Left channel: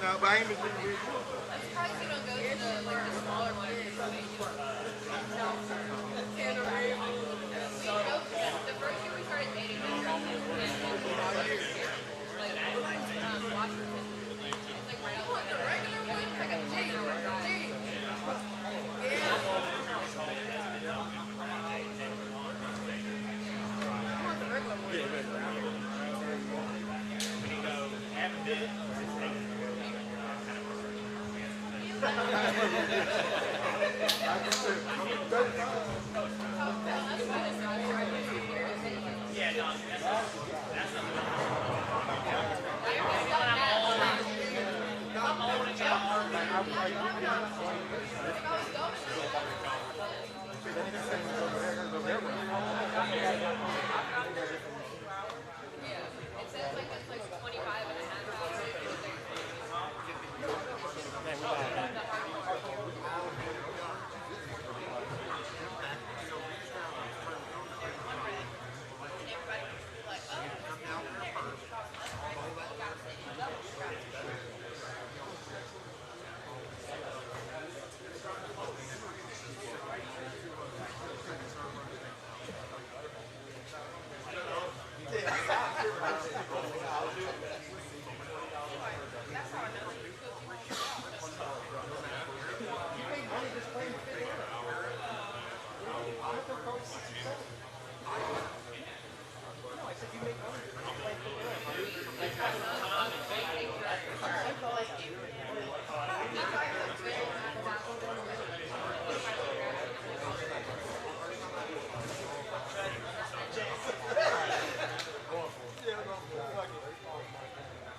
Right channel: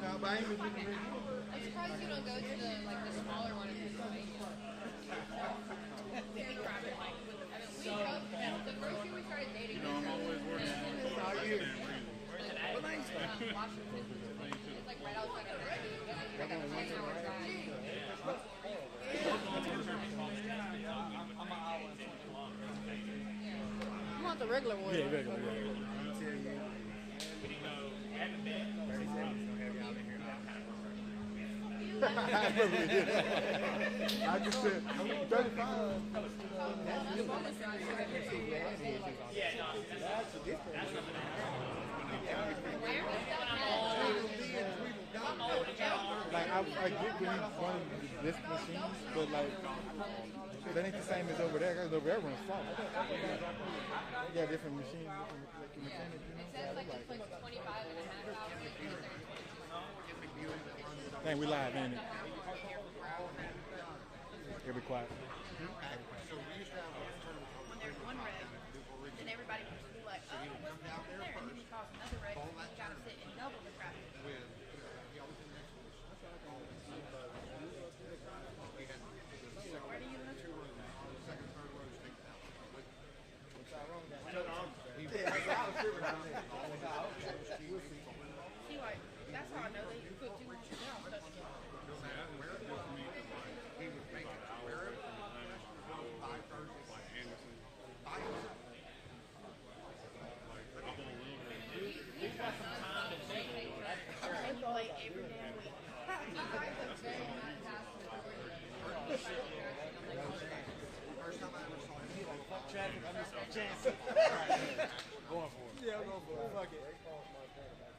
No, but I ain't been doing it. I want the regular one. And we live, man. Every class.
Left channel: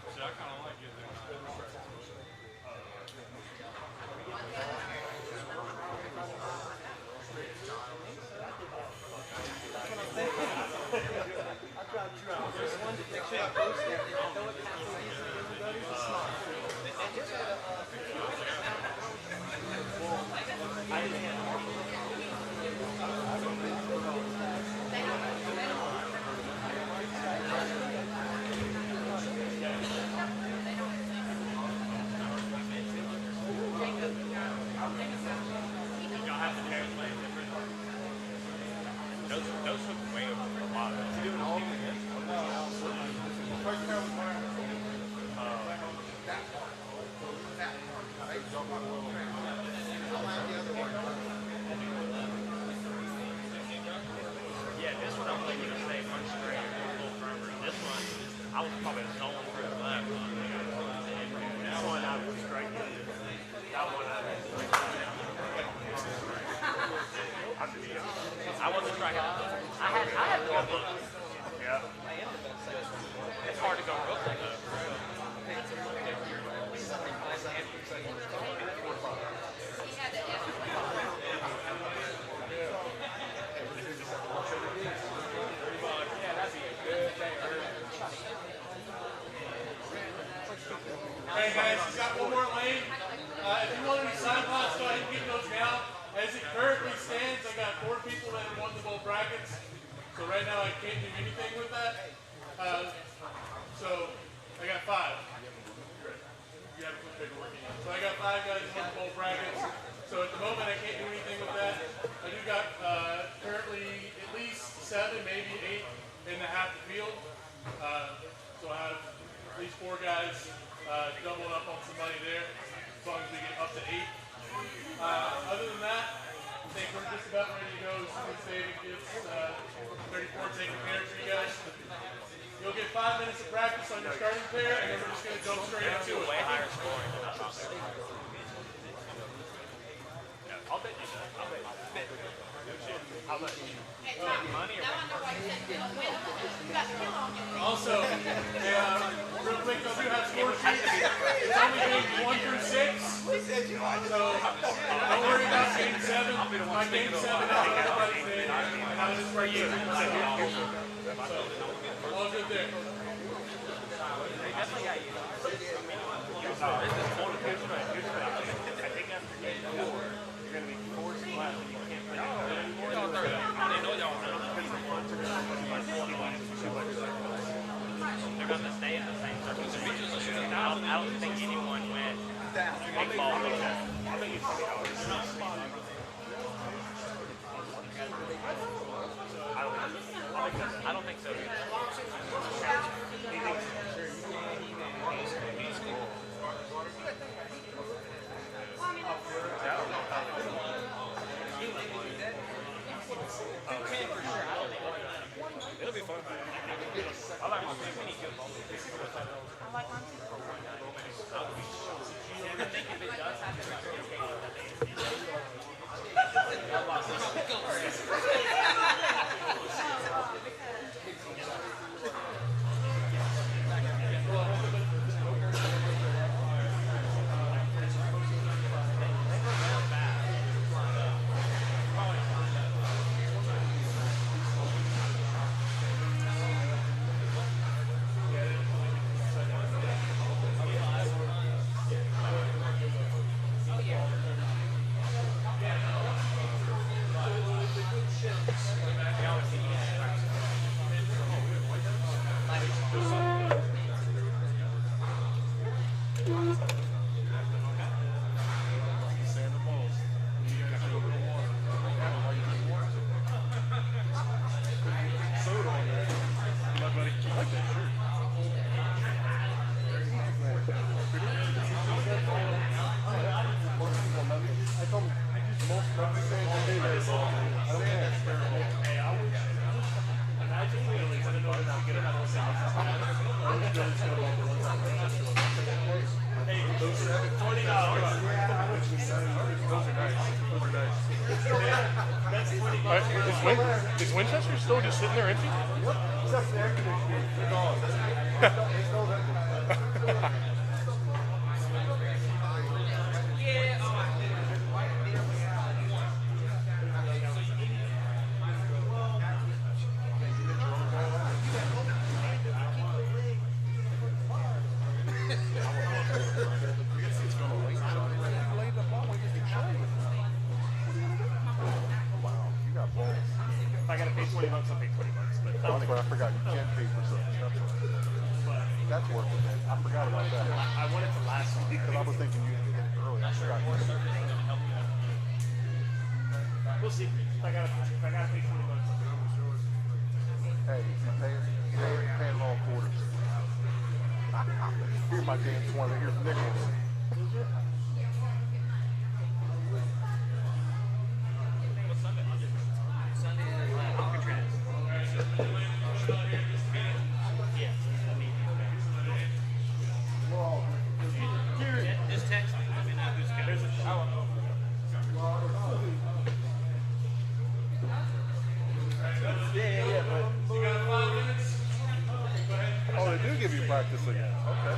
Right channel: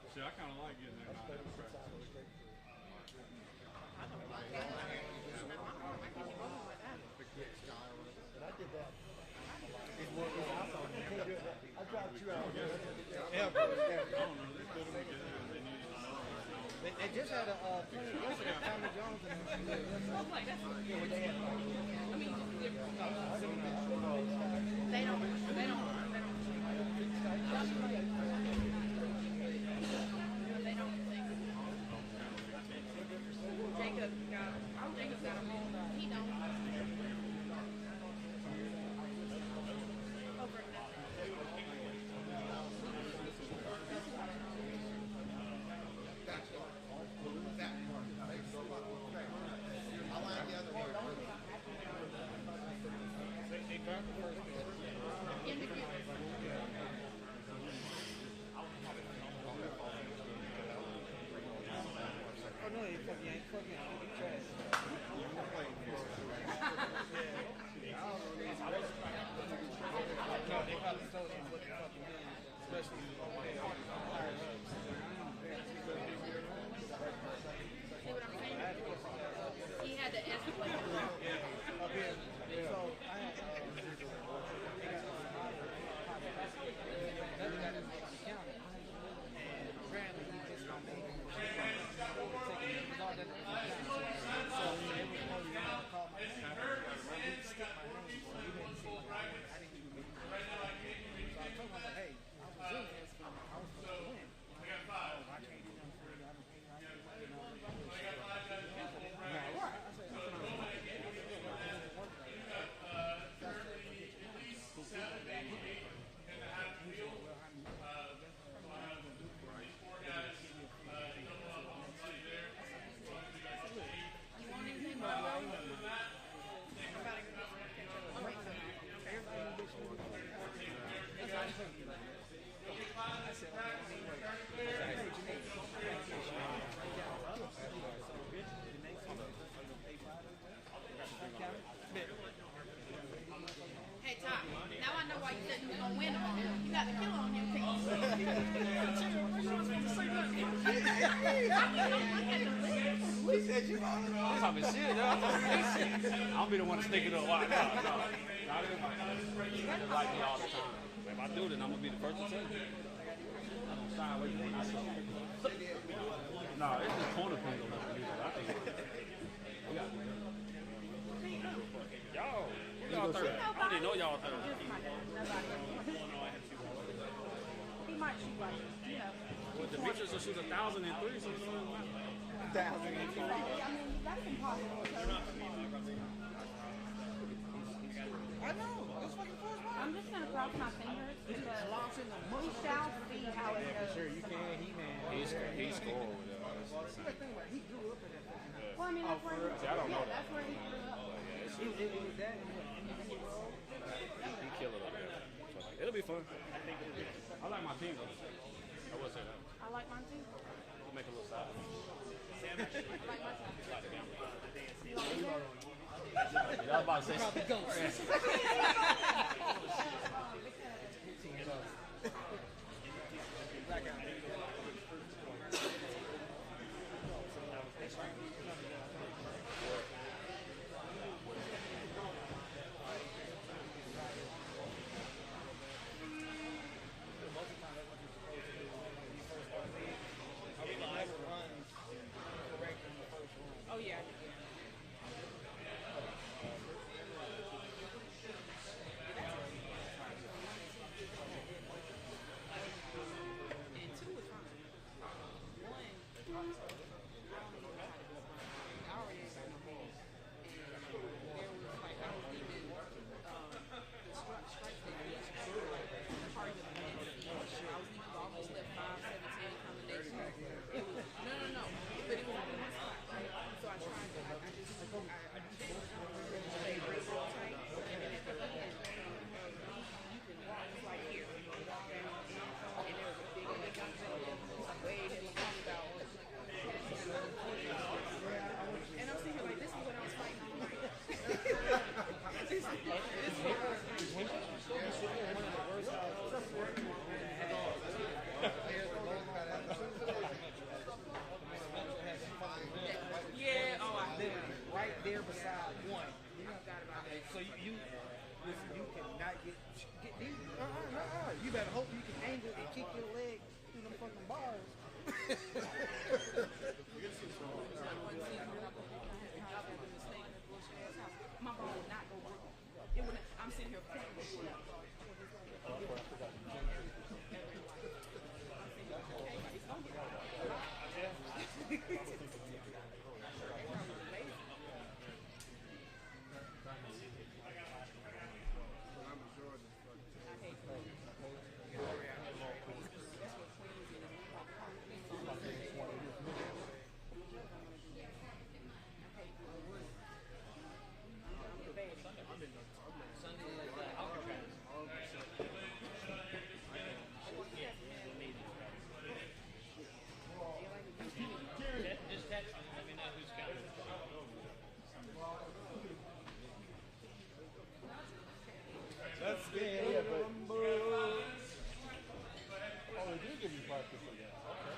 See, I kind of like getting that. Those took way over a lot. Yeah, this one I'm thinking of stay one straight, a little firmer. This one, I was probably stolen for the left. That one I was straight. That one I was straight. I wasn't striking. I had more books. Yeah. It's hard to go rookie though. Hey guys, he's got one more lane. If you want to be side box, go ahead and get those down. As he currently up, ready to go. It's 34 taking pairs for you guys. You'll get 5 minutes of practice on your starting pair, and then we're just going to go straight into it. Way higher scoring than I'm there. I'll bet you that. I'll bet you. Hey, Tom, now I know why you said you don't win. You got skill on your team. Also, real quick, don't you have score sheets? It's only 1 through 6. So don't worry about game 7. I'll be the one sticking to a lot. For you, like we all do. If I do, then I'm gonna get the first. All good there. They definitely got you. No, it's just corner pitch. I think after game 4, you're going to be forced to play. Y'all third. I don't even know y'all third. They're going to stay in the same circle. The Mitchells will shoot 1,000. I don't think anyone went big ball protest. I don't think so. He's cool. I don't know that. It'll be fun. I like my team. I like mine too. Yeah, about to say. Is Winchester still just sitting there empty? If I got to pay $20, I'll pay $20. But I forgot you can't pay for something. That's worth it. I forgot about that. I wanted to last week. Because I was thinking you had to get it early. I forgot. We'll see. If I got to pay $20. Hey, pay long quarters. Here's my damn 20. Here's nickels. Just text me. Let me know who's coming. Oh, they do give you practice again. Okay.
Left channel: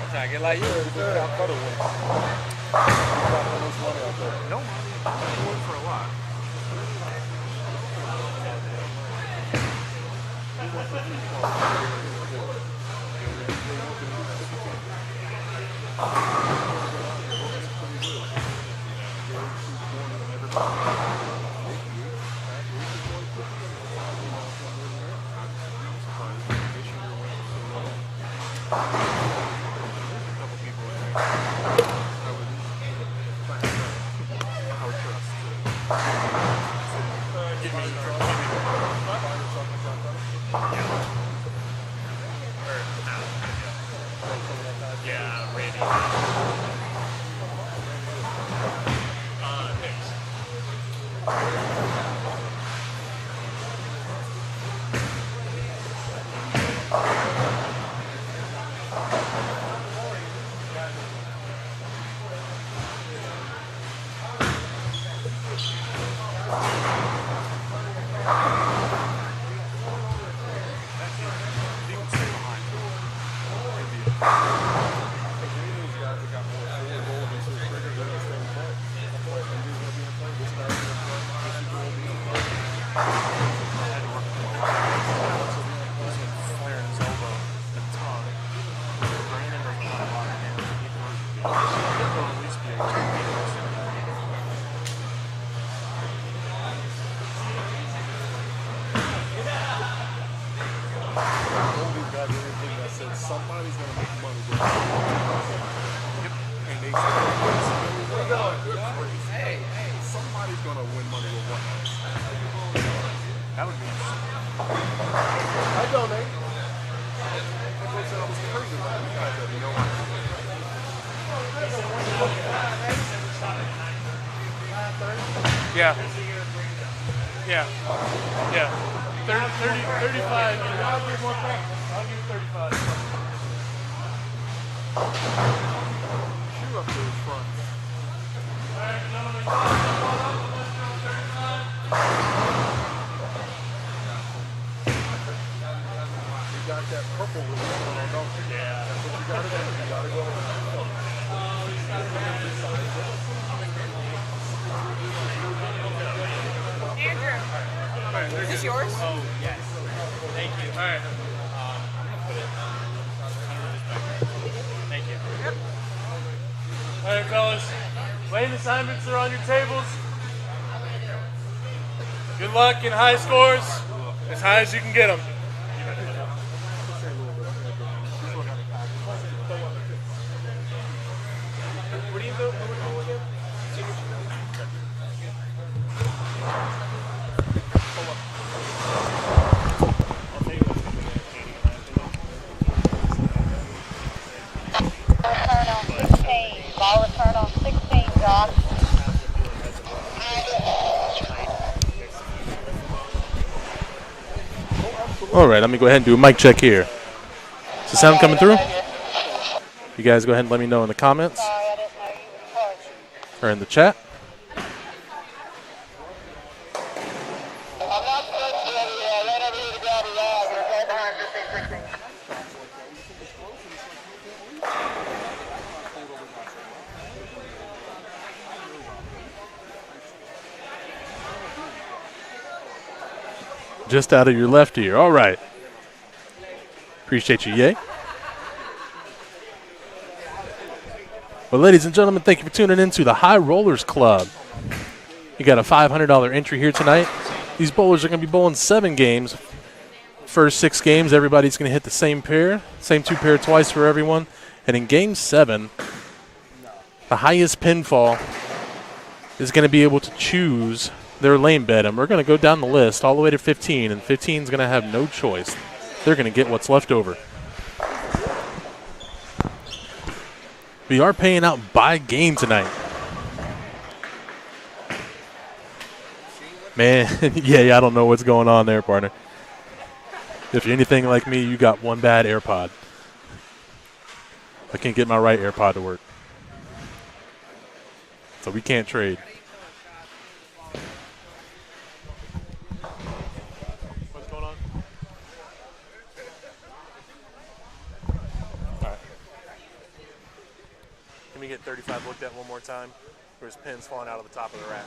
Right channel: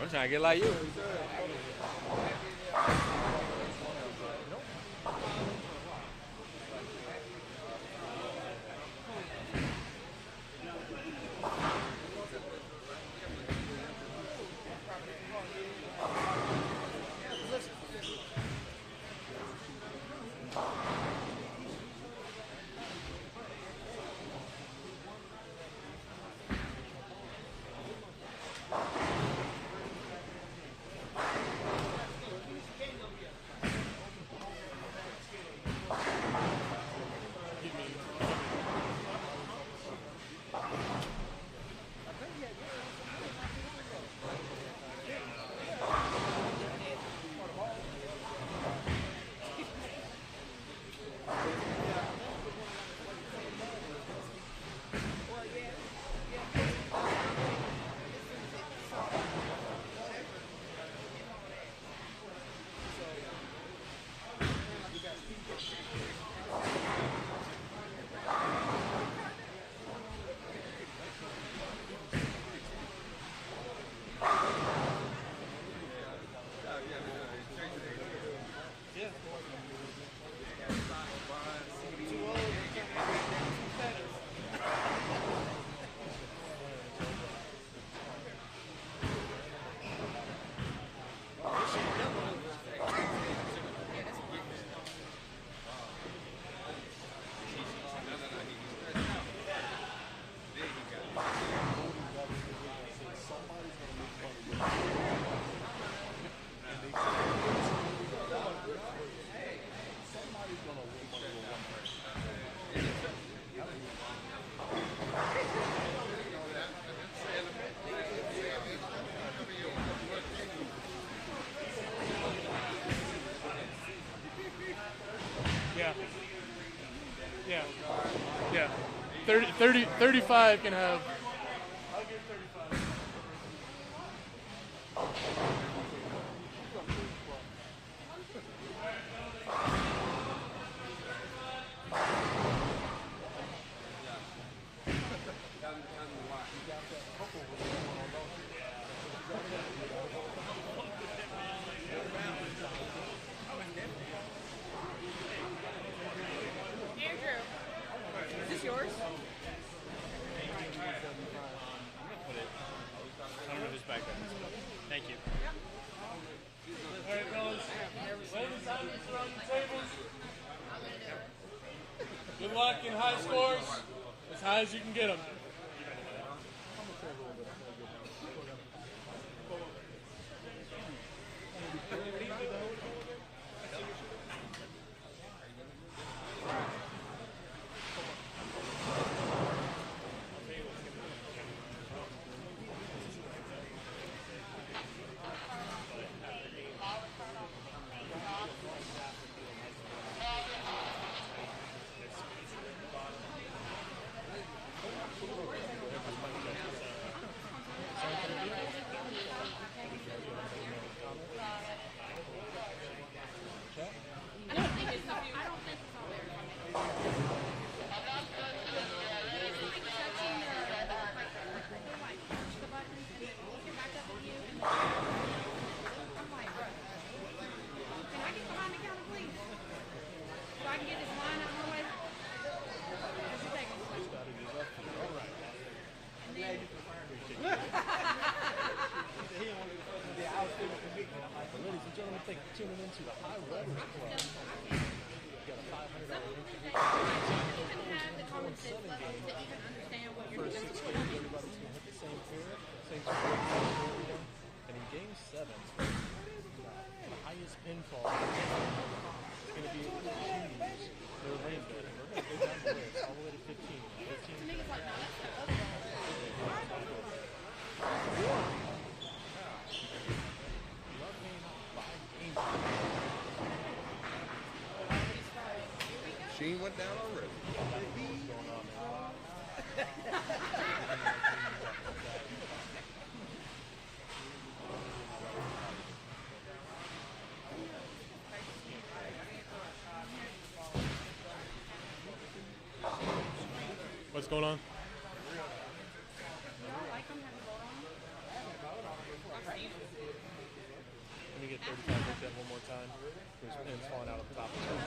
I'm trying to get like you. No, I work for a lot. Yeah, Randy. Somebody's gonna make money with and they said, somebody's gonna win money with one night. That would be I donate. They said I was crazy about you guys, you know. Yeah. Yeah. Yeah. 35. You know, I'll give 35. Shoot up to the front. You got that purple with going on, don't you? Yeah. That's what you gotta do. You gotta go. Andrew, is this yours? Oh, yes. Thank you. All right. Thank you. All right, fellas. Lane assignments are on your tables. Good luck in high scores. As high as you can get them. What do you do? Return on 16. Ball return on 16, Josh. All right, let me go ahead and do a mic check here. Is the sound coming through? You guys go ahead and let me know in the comments Sorry, I didn't know you were in charge. or in the chat. just out of your left ear. All right. Appreciate you, yay. Well, ladies and gentlemen, thank you for tuning in to the High Rollers Club. You got a $500 entry here tonight. These bowlers are going to be bowling 7 games. First 6 games, everybody's going to hit the same pair, same 2 pair twice for everyone. And in Game 7, the highest pinfall is going to be able to choose their lane bet. And we're going to go down the list all the way to 15, and 15 is going to have no choice. They're going to get what's left over. We are paying out by game tonight. Man, yeah, I don't know what's going on there, partner. If you're anything like me, you got one bad AirPod. I can't get my right AirPod to work. So we can't trade. What's going on? All right. Let me get 35 looked at one more time. There's pins falling out of the top of the rack.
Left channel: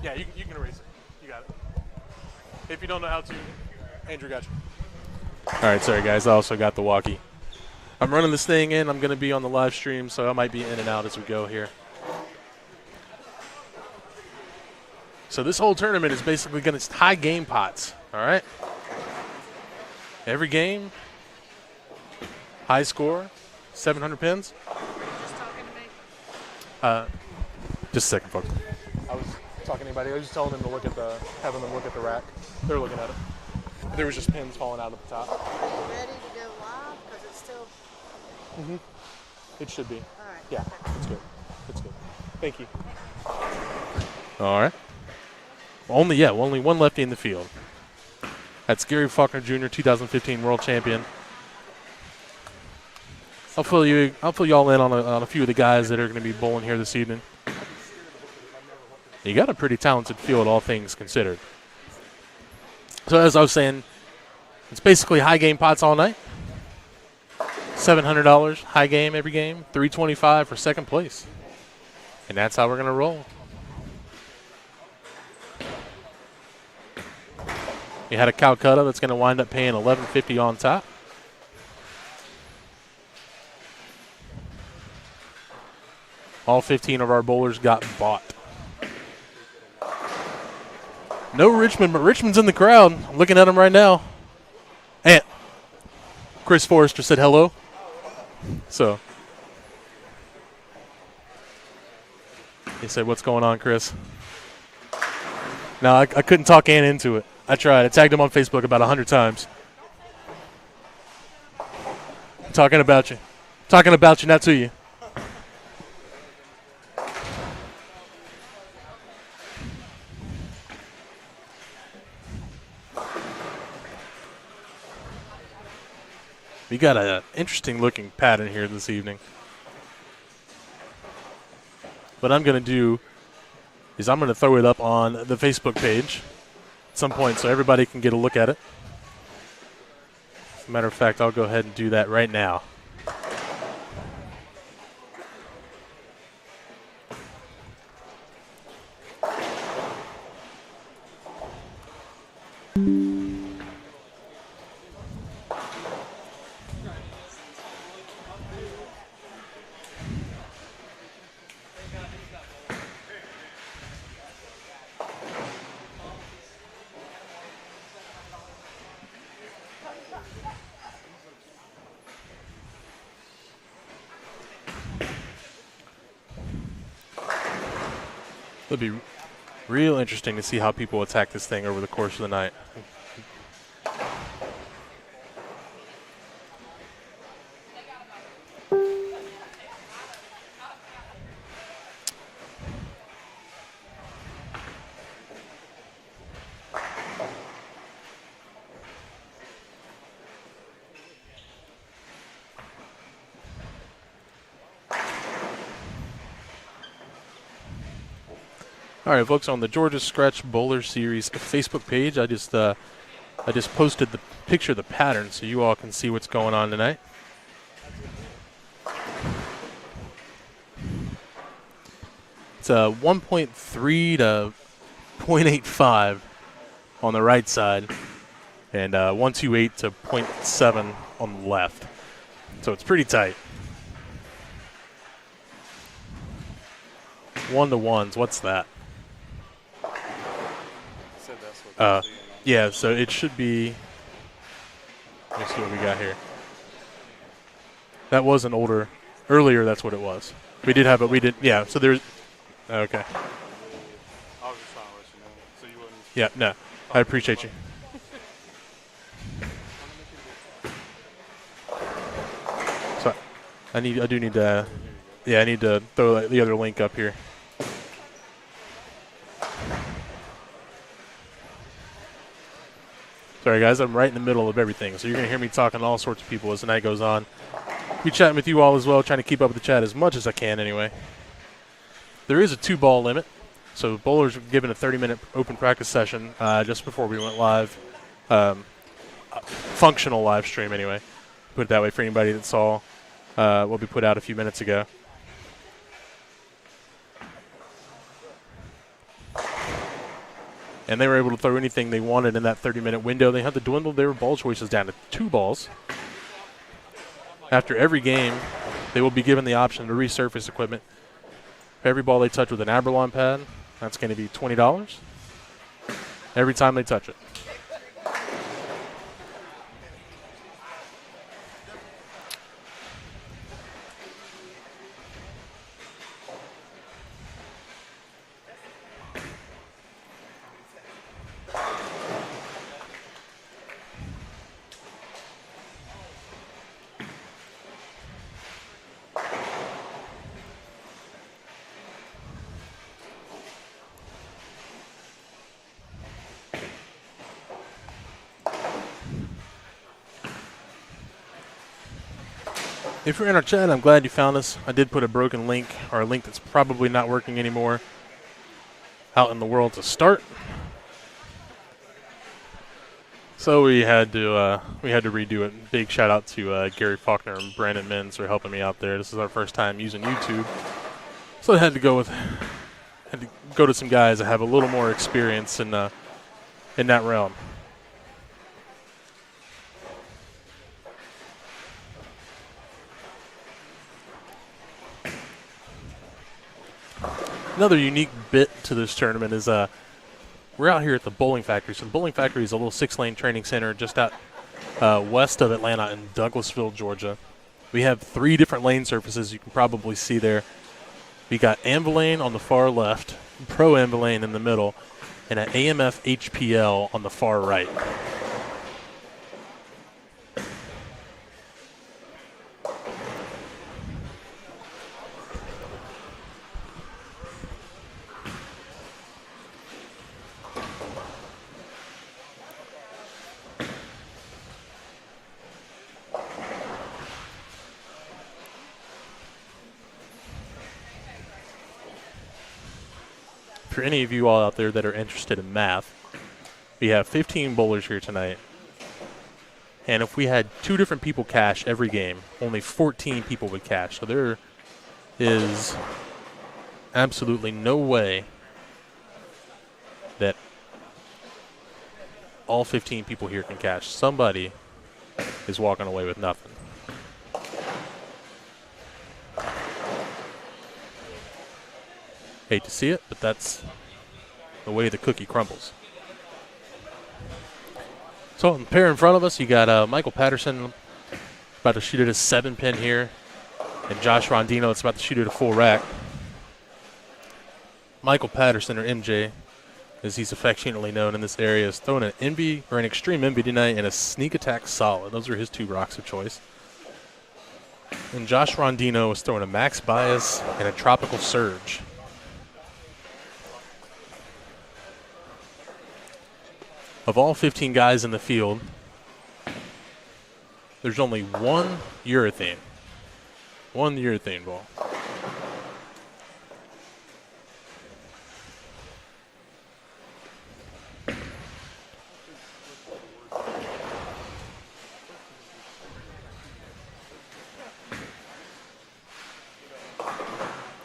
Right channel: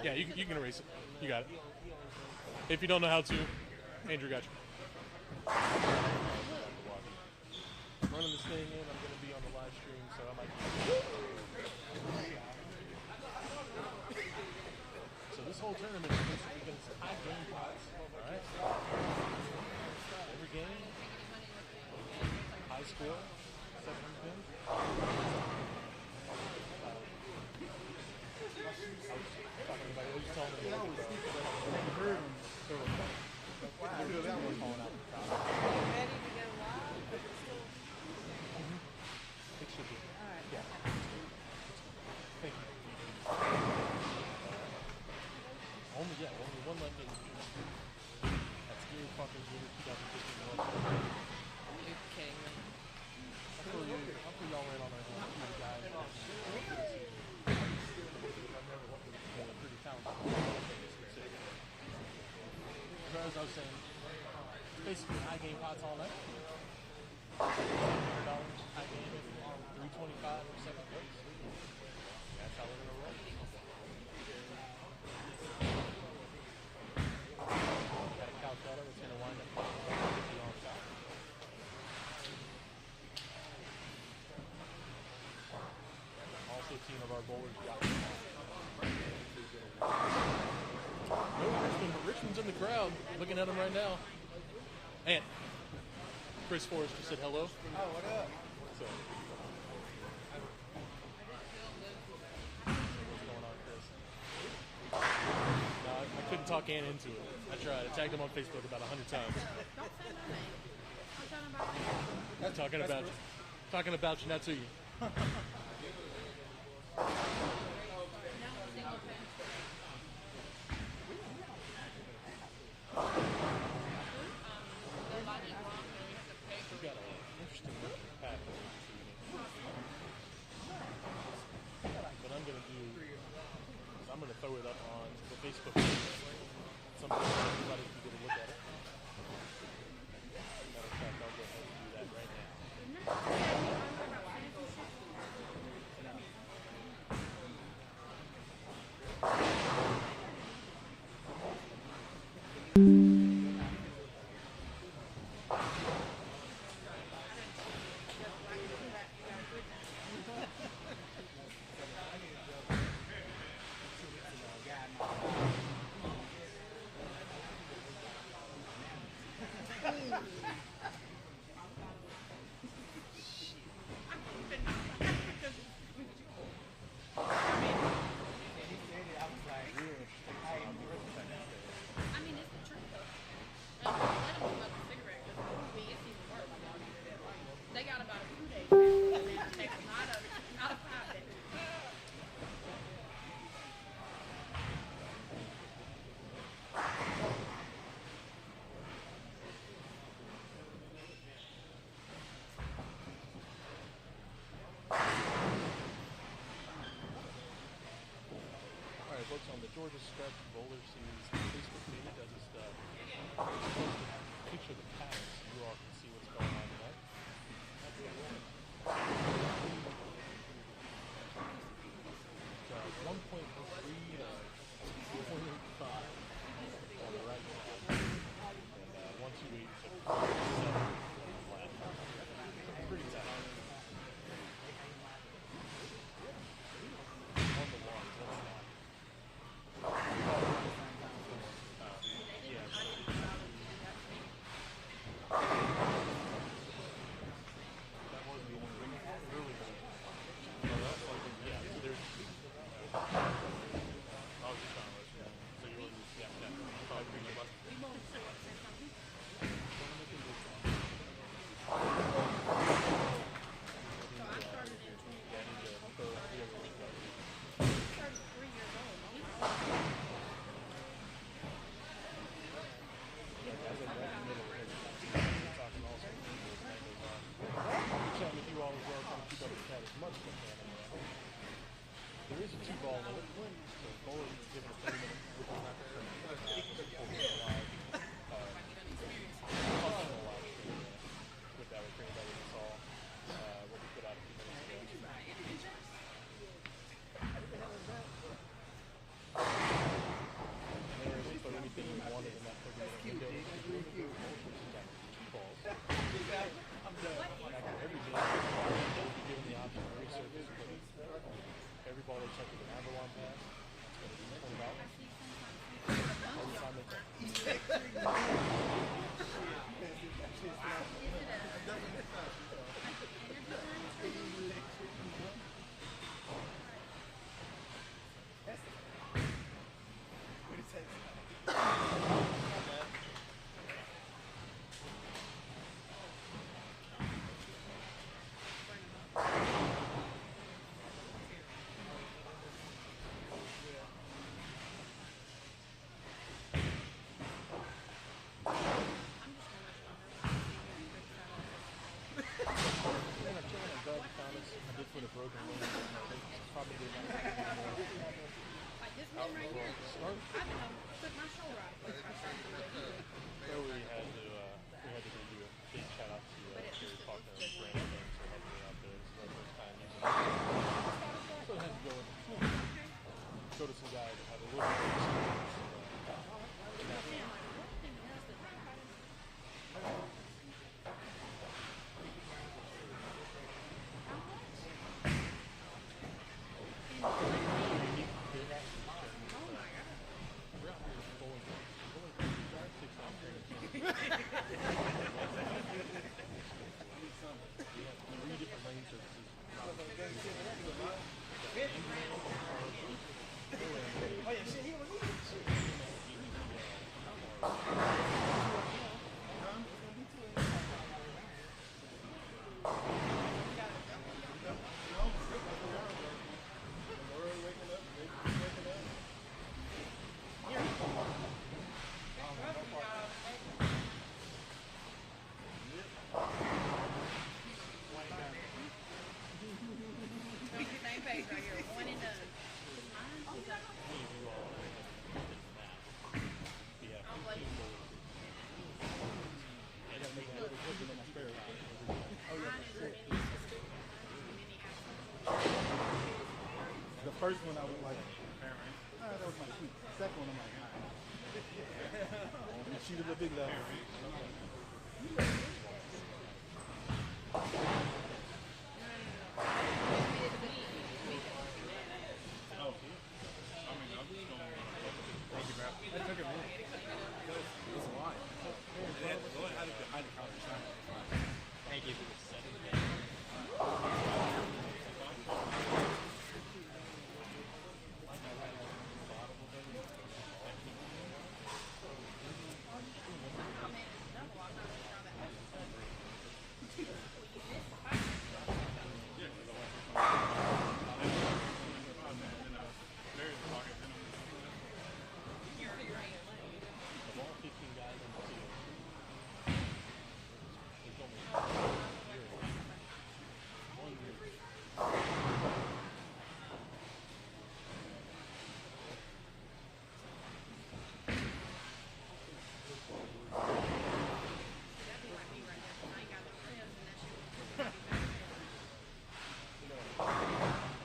Yeah, you can erase it. You got it. If you don't know how to, Andrew got you. All right, sorry, guys. I also got the walkie. I'm running this thing in. I'm going to be on the live stream, so I might be in and out as we go here. So this whole tournament is basically going to high game pots, all right? Every game, high score, 700 pins. Just a second, folks. I was talking to anybody. I was just telling them to look at having them look at the rack. They're looking at it. There was just pins falling out of the top. Ready to go live? Is it still? It should be. All right. Yeah, it's good. It's good. Thank you. All right. Only one lefty in the field. That's Gary Faulkner Jr., 2015 World Champion. I'll fill you all in on a few of the guys that are going to be bowling here this evening. You got a pretty talented field, all things considered. So as I was saying, it's basically high game pots all night. $700 high game every game, $325 for second place. And that's how we're going to roll. You had a Calcutta that's going to wind up paying $11.50 on top. All 15 of our bowlers got bought. No Richmond, but Richmond's in the crowd. I'm looking at him right now. And Chris Forrester said hello. So he said, "What's going on, Chris?" No, I couldn't talk Ann into it. I tried. I tagged him on Facebook about 100 times. Talking about you. Talking about you, not to you. We got an interesting looking pattern here this evening. What I'm going to do is I'm going to throw it up on the Facebook page at some point so everybody can get a look at it. As a matter of fact, I'll go ahead and do that right now. It'll be real interesting to see how people attack this thing over the course of the night. All right, folks, on the Georgia Scratch Bowler Series Facebook page, I just posted the picture of the pattern so you all can see what's going on tonight. It's 1.3 to 0.85 on the right side, and 128 to 0.7 on the left. So it's pretty tight. 1-to-1s, what's that? Yeah, so it should be, let me see what we got here. That was an older, earlier that's what it was. We did have it, we did, yeah, so there's, okay. Yeah, no, I appreciate you. So, I do need to, yeah, I need to throw the other link up here. Sorry, guys, I'm right in the middle of everything, so you're going to hear me talking to all sorts of people as the night goes on. Be chatting with you all as well, trying to keep up with the chat as much as I can anyway. There is a 2-ball limit, so bowlers were given a 30-minute open practice session just before we went live. Functional live stream anyway, put it that way for anybody that saw what we put out a few minutes ago. And they were able to throw anything they wanted in that 30-minute window. They had to dwindle their ball choices down to 2 balls. After every game, they will be given the option to resurface equipment. For every ball they touch with an Aberlon pad, that's going to be $20 every time they touch it. If you're in our chat, I'm glad you found us. I did put a broken link, or a link that's probably not working anymore, out in the world to start. So we had to redo it. Big shout out to Gary Faulkner and Brandon Menz for helping me out there. This is our first time using YouTube, so I had to go to some guys that have a little more experience in that realm. Another unique bit to this tournament is we're out here at the Bowling Factory. So the Bowling Factory is a little 6-lane training center just out west of Atlanta in Douglasville, Georgia. We have 3 different lane surfaces you can probably see there. We got Anvilane on the far left, Pro Anvilane in the middle, and an AMF HPL on the far right. For any of you all out there that are interested in math, we have 15 bowlers here tonight. And if we had 2 different people cash every game, only 14 people would cash. So there is absolutely no way that all 15 people here can cash. Somebody is walking away with nothing. Hate to see it, but that's the way the cookie crumbles. So on the pair in front of us, you got Michael Patterson about to shoot at a 7-pin here, and Josh Rondino that's about to shoot at a full rack. Michael Patterson, or MJ, as he's affectionately known in this area, is throwing an envy or an extreme envy tonight and a sneak attack solid. Those are his 2 rocks of choice. And Josh Rondino is throwing a max bias and a tropical surge. Of all 15 guys in the field, there's only one urethane ball.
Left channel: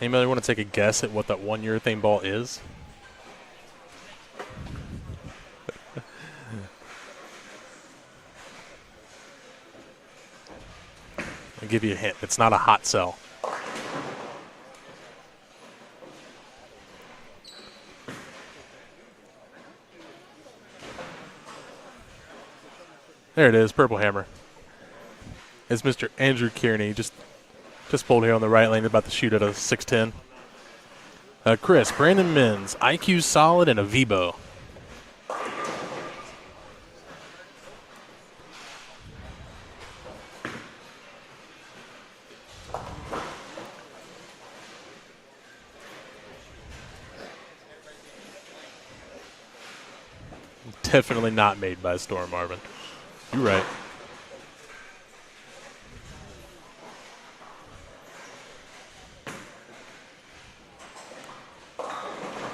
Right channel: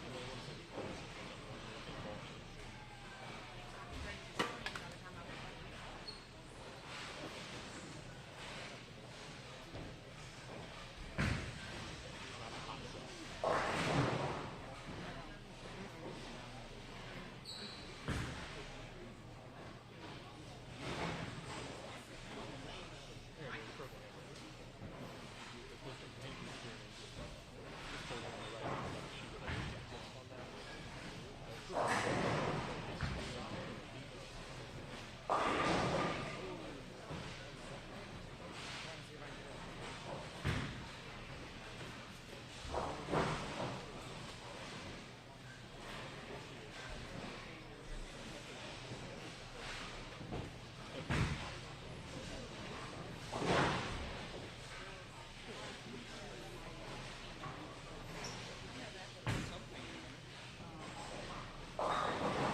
Anybody want to take a guess at what that one urethane ball is? I'll give you a hint. It's not a hot cell. There it is, Purple Hammer. It's Mr. Andrew Kearney, just pulled here on the right lane, about to shoot at a 6'10". Chris, Brandon Mins, IQ solid and a V-bow. Definitely not made by Storm Marvin. You're right.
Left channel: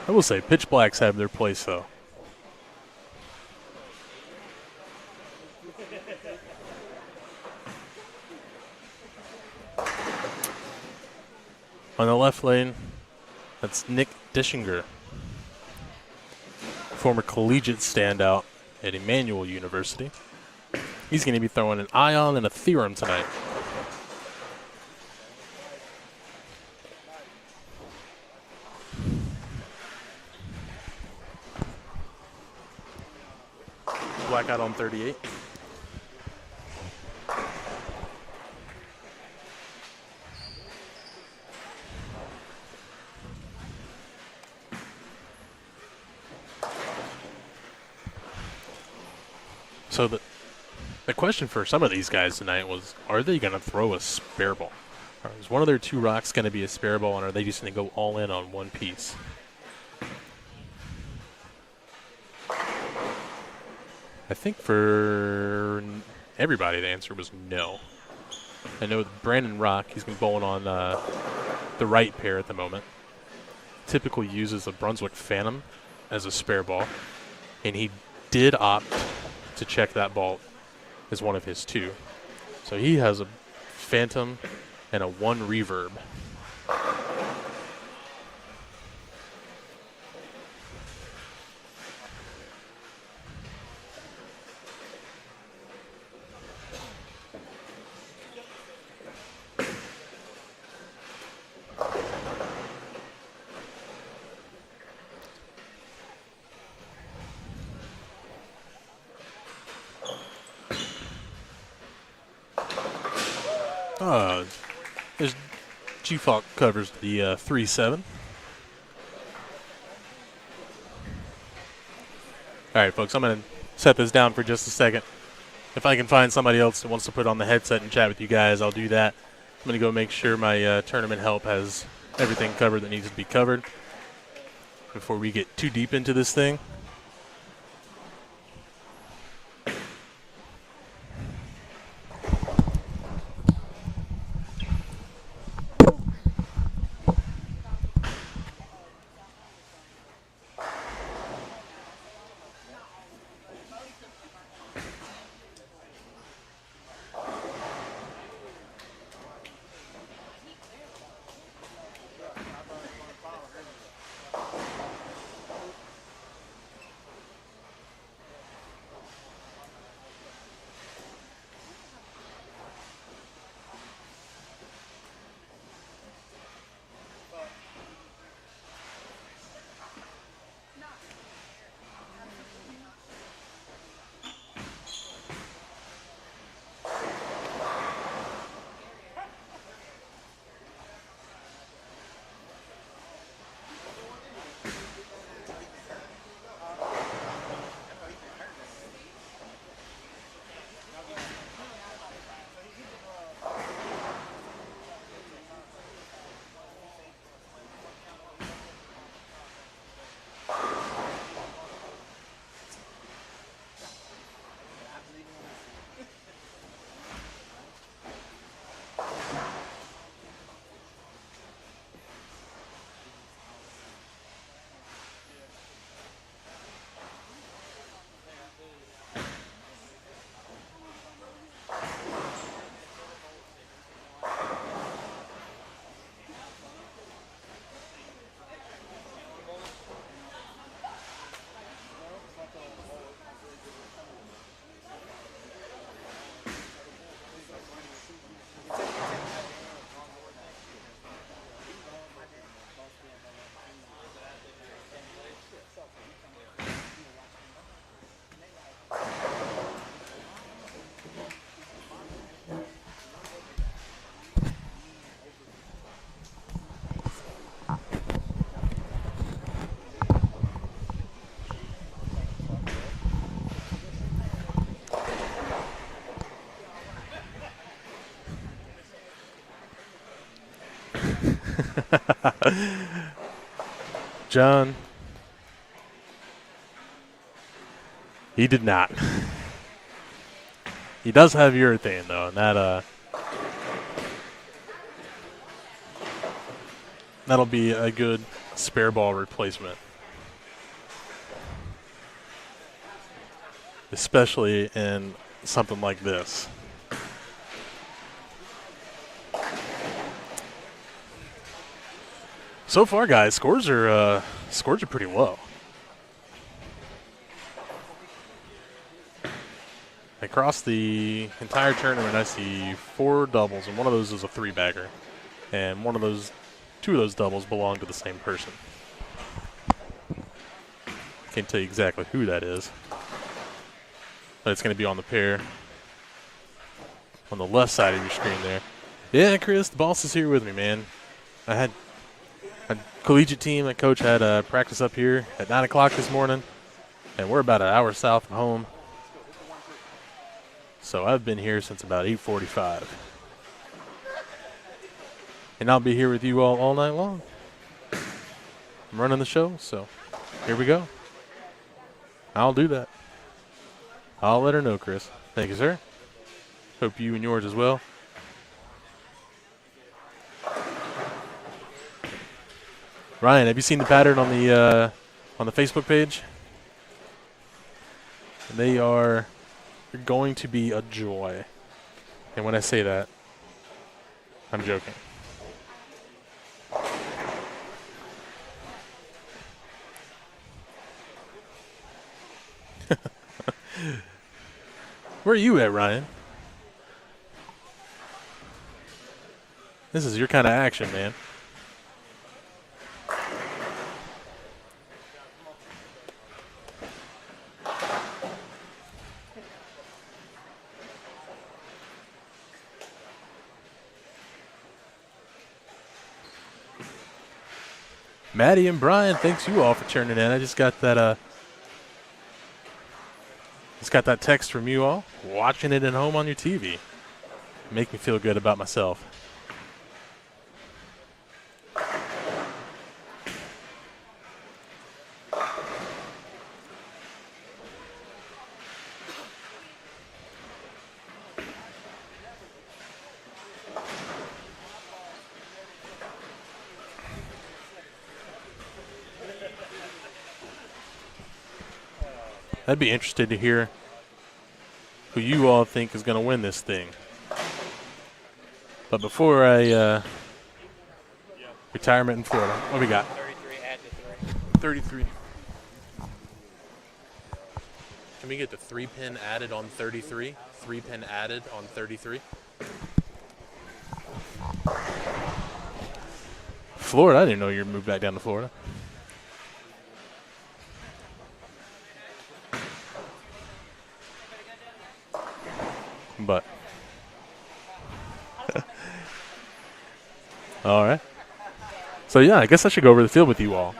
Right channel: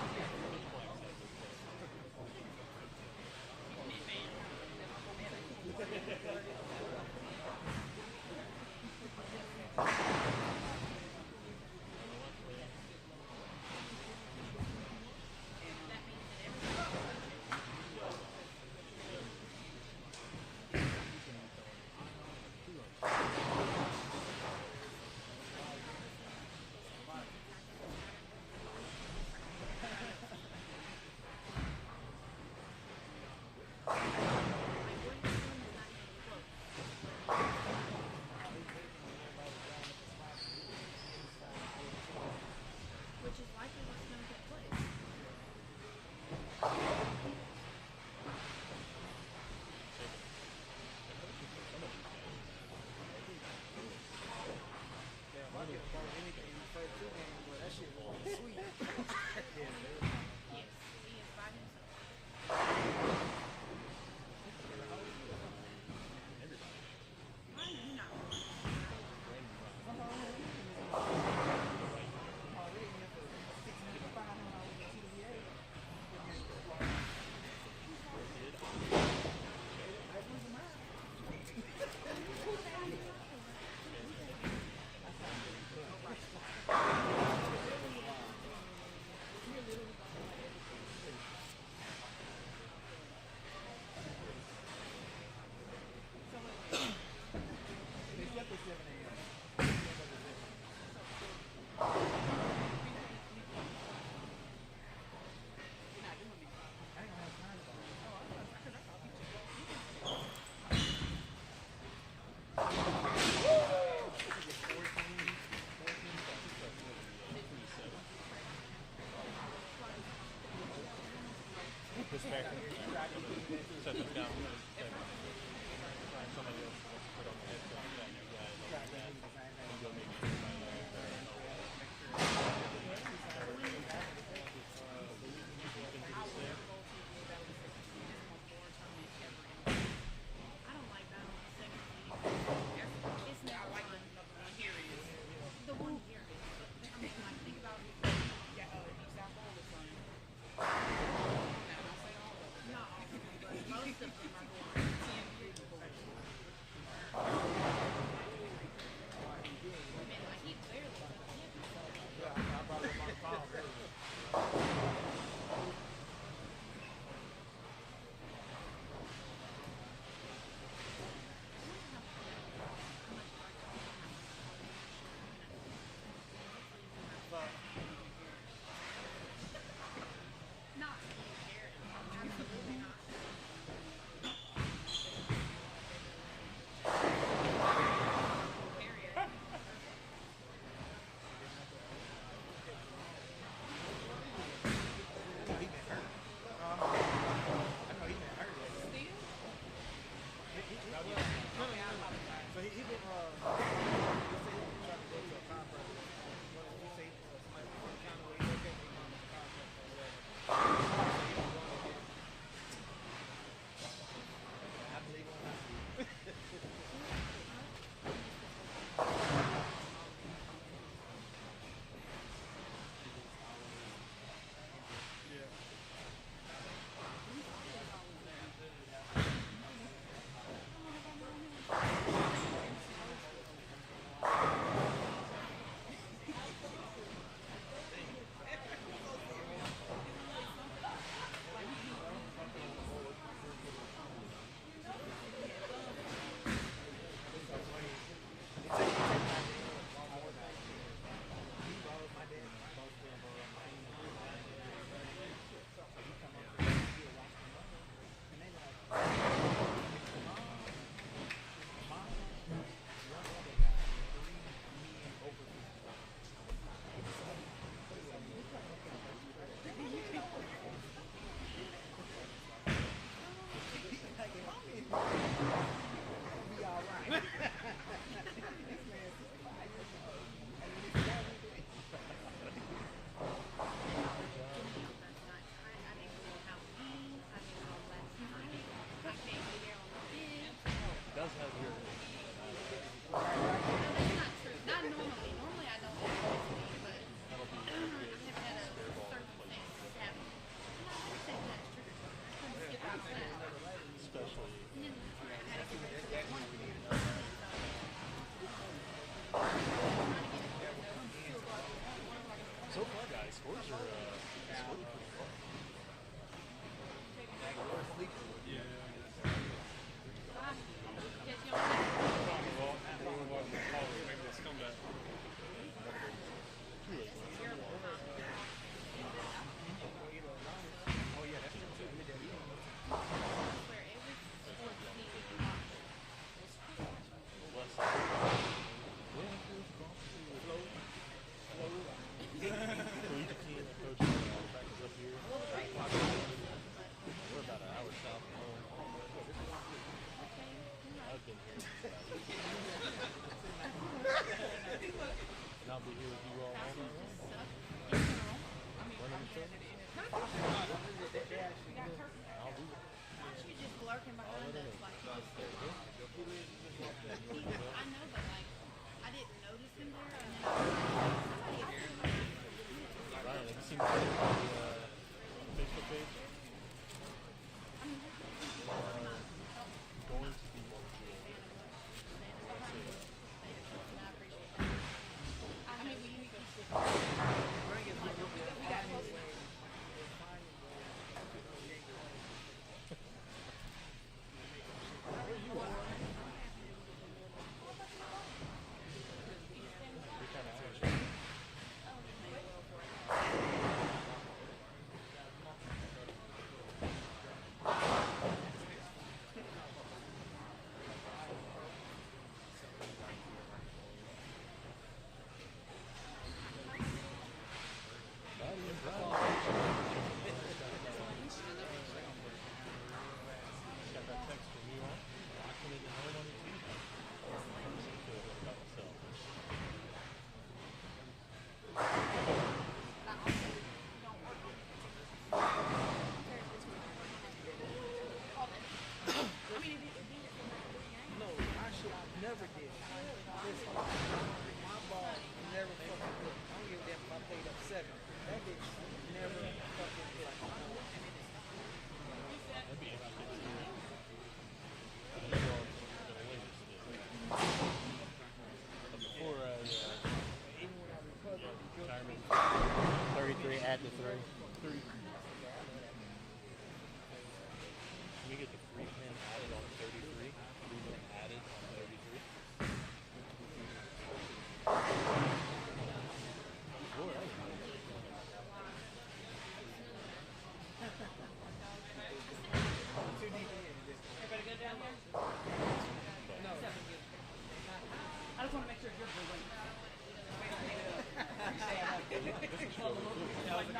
I will say, pitch blacks have their place, though. On the left lane, that's Nick Dischinger, former collegiate standout at Emmanuel University. He's going to be throwing an ion and a theorem tonight. Blackout on 38. So the question for some of these guys tonight was, are they going to throw a spare ball? Or is one of their two rocks going to be a spare ball, and are they just going to go all in on one piece? I think for everybody the answer was no. I know Brandon Rock, he's been bowling on the right pair at the moment. Typically uses a Brunswick Phantom as a spare ball, and he did opt to check that ball as one of his two. So he has a Phantom and a 1 reverb. As G-Falk covers the 3-7. All right, folks, I'm going to set this down for just a second. If I can find somebody else that wants to put on the headset and chat with you guys, I'll do that. I'm going to go make sure my tournament help has everything covered that needs to be covered before we get too deep into this thing. John. He did not. He does have urethane, though, and that'll be a good spare ball replacement. Especially in something like this. So far, guys, scores are pretty low. Across the entire tournament, I see 4 doubles, and one of those is a 3-bagger, and two of those doubles belong to the same person. Can't tell you exactly who that is, but it's going to be on the pair on the left side of your screen there. Yeah, Chris, the boss is here with me, man. I had a collegiate team. My coach had practice up here at 9 o'clock this morning, and we're about an hour south from home. So I've been here since about 8:45. And I'll be here with you all night long. I'm running the show, so here we go. I'll do that. I'll let her know, Chris. Thank you, sir. Hope you and yours as well. Ryan, have you seen the pattern on the Facebook page? They are going to be a joy. And when I say that, I'm joking. Where are you at, Ryan? This is your kind of action, man. Maddie and Brian, thanks you all for turning in. I just got that text from you all, watching it at home on your TV. Make me feel good about myself. I'd be interested to hear who you all think is going to win this thing. But before I retirement in Florida, what we got? 33. Can we get the 3-pin added on 33? 3-pin added on 33? Florida? I didn't know you moved back down to Florida. But all right. So yeah, I guess I should go over the field with you all.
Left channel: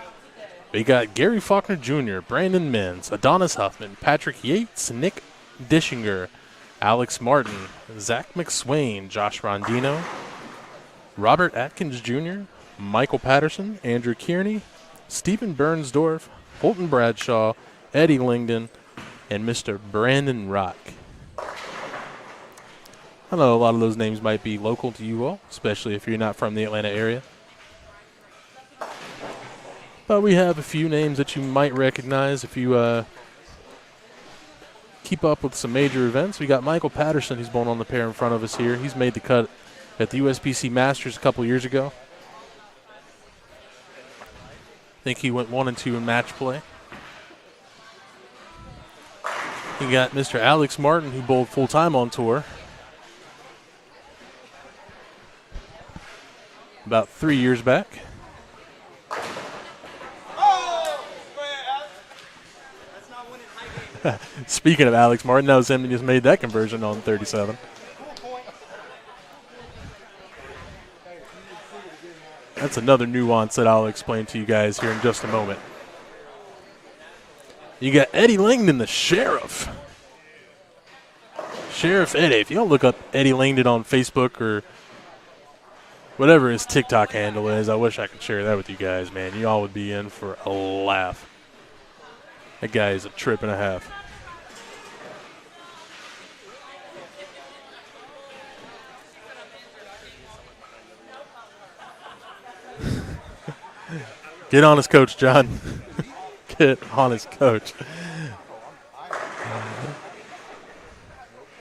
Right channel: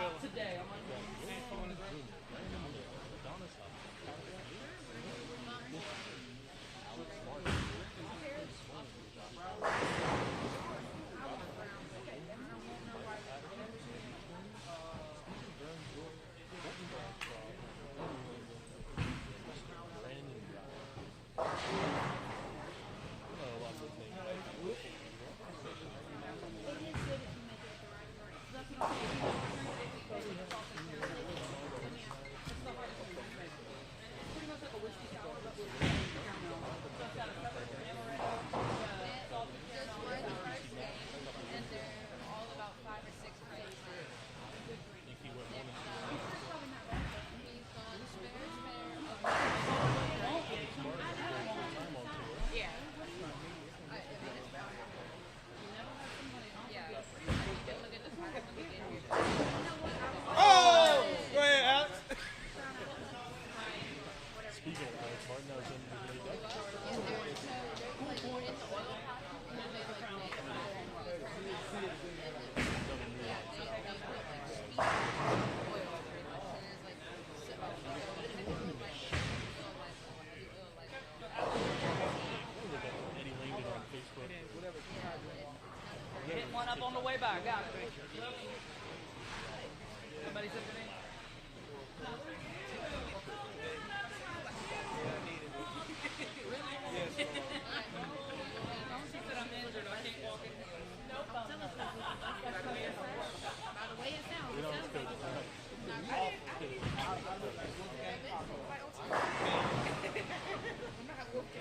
We got Gary Faulkner Jr., Brandon Mins, Adonis Huffman, Patrick Yates, Nick Dishinger, Alex Martin, Zach McSwain, Josh Rondino, Robert Atkins Jr., Michael Patterson, Andrew Kearney, Stephen Bernsdorf, Holton Bradshaw, Eddie Langdon, and Mr. Brandon Rock. I know a lot of those names might be local to you all, especially if you're not from the Atlanta area. But we have a few names that you might recognize if you keep up with some major events. We got Michael Patterson, who's born on the pair in front of us here. He's made the cut at the USBC Masters a couple years ago. I think he went 1-2 in match play. We got Mr. Alex Martin, who bowled full-time on tour about 3 years back. Oh! Go ahead, Alex. Speaking of Alex Martin, that was him that just made that conversion on 37. That's another nuance that I'll explain to you guys here in just a moment. You got Eddie Langdon, the Sheriff. Sheriff Eddie. If you don't look up Eddie Langdon on Facebook or Whatever his TikTok handle is, I wish I could share that with you guys, man. You all would be in for a laugh. That guy is a trip and a half. Get on his coach, John. Get on his coach.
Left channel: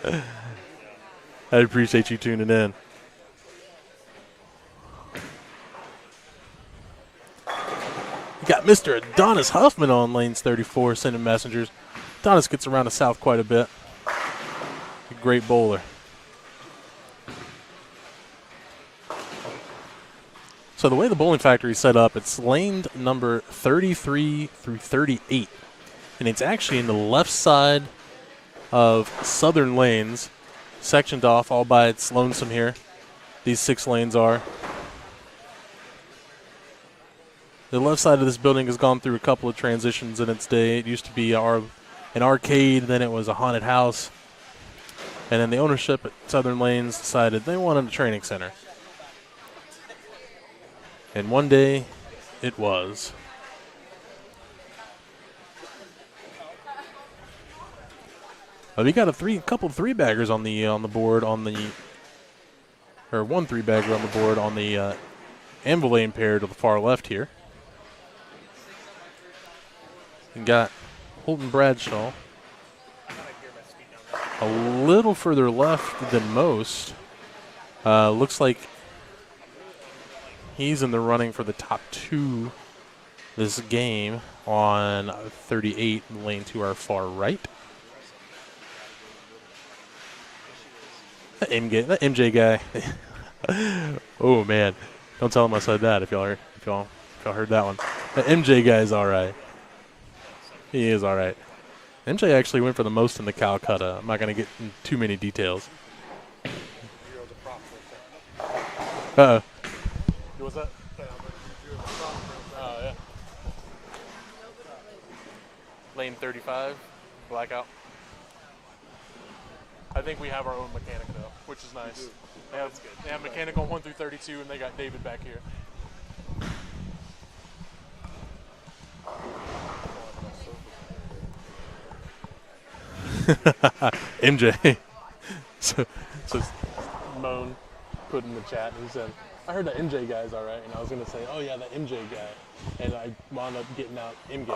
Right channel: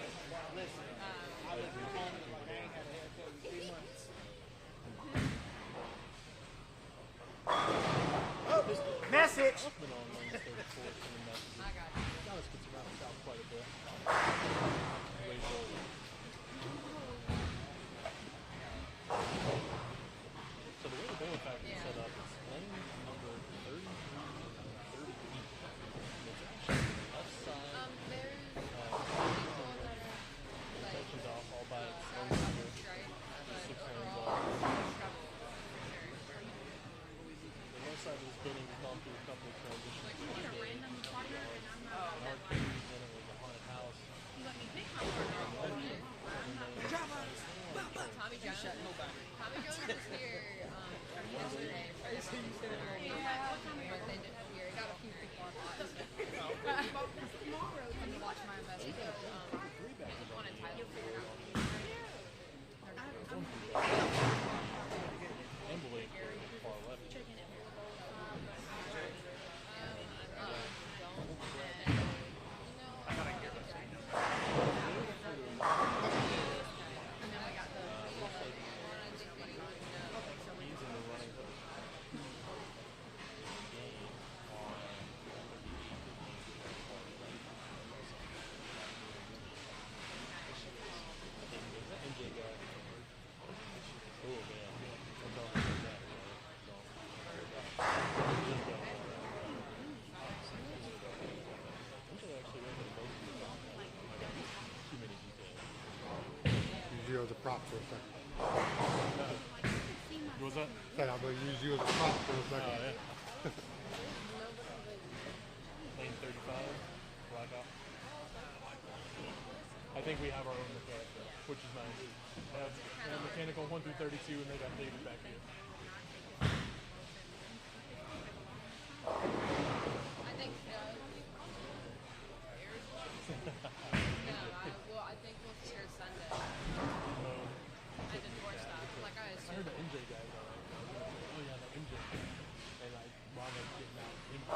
I appreciate you tuning in. Got Mr. Adonis Huffman on lanes 34, sending messengers. Adonis gets around the south quite a bit. A great bowler. So the way the bowling factory is set up, it's laned number 33 through 38. And it's actually in the left side of southern lanes, sectioned off all by its lonesome here. These 6 lanes are. The left side of this building has gone through a couple of transitions in its day. It used to be an arcade, then it was a haunted house. And then the ownership at Southern Lanes decided they wanted a training center. And one day, it was. But we got a couple 3-baggers on the board or one 3-bagger on the board on the anvil lane pair to the far left here. We got Holton Bradshaw a little further left than most. Looks like he's in the running for the top 2 this game on 38, lane to our far right. That MJ guy. Oh man, don't tell him I said that. If y'all heard that one, that MJ guy is all right. He is all right. MJ actually went for the most in the Calcutta. I'm not gonna get into too many details. Uh-oh. What's that? Said I'm going to use you as a prop for a second. Yeah. Lane 35, blackout. I think we have our own mechanic though, which is nice. They have mechanic on 1 through 32, and they got David back here. MJ. so Moan put in the chat, he said, I heard that MJ guy's all right, and I was going to say, oh yeah, that MJ guy. And I wound up getting out MJ.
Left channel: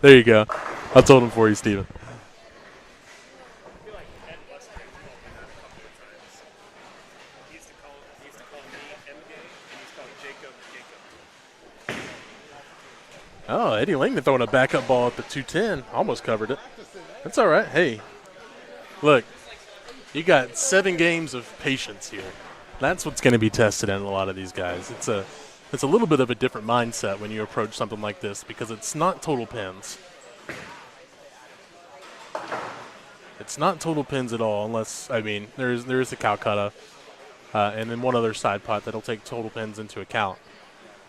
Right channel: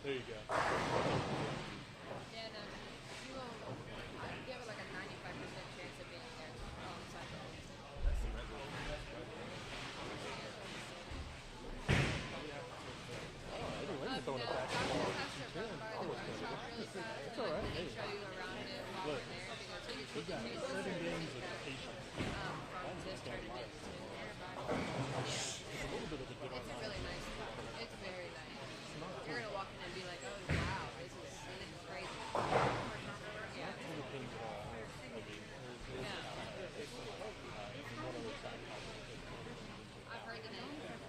There you go. I told him for you, Steven. Oh, Eddie Langdon throwing a backup ball at the 210. Almost covered it. That's all right. Hey, look, you got 7 games of patience here. That's what's going to be tested in a lot of these guys. It's a little bit of a different mindset when you approach something like this because it's not total pins. It's not total pins at all unless, I mean, there is a Calcutta and then one other side pot that'll take total pins into account.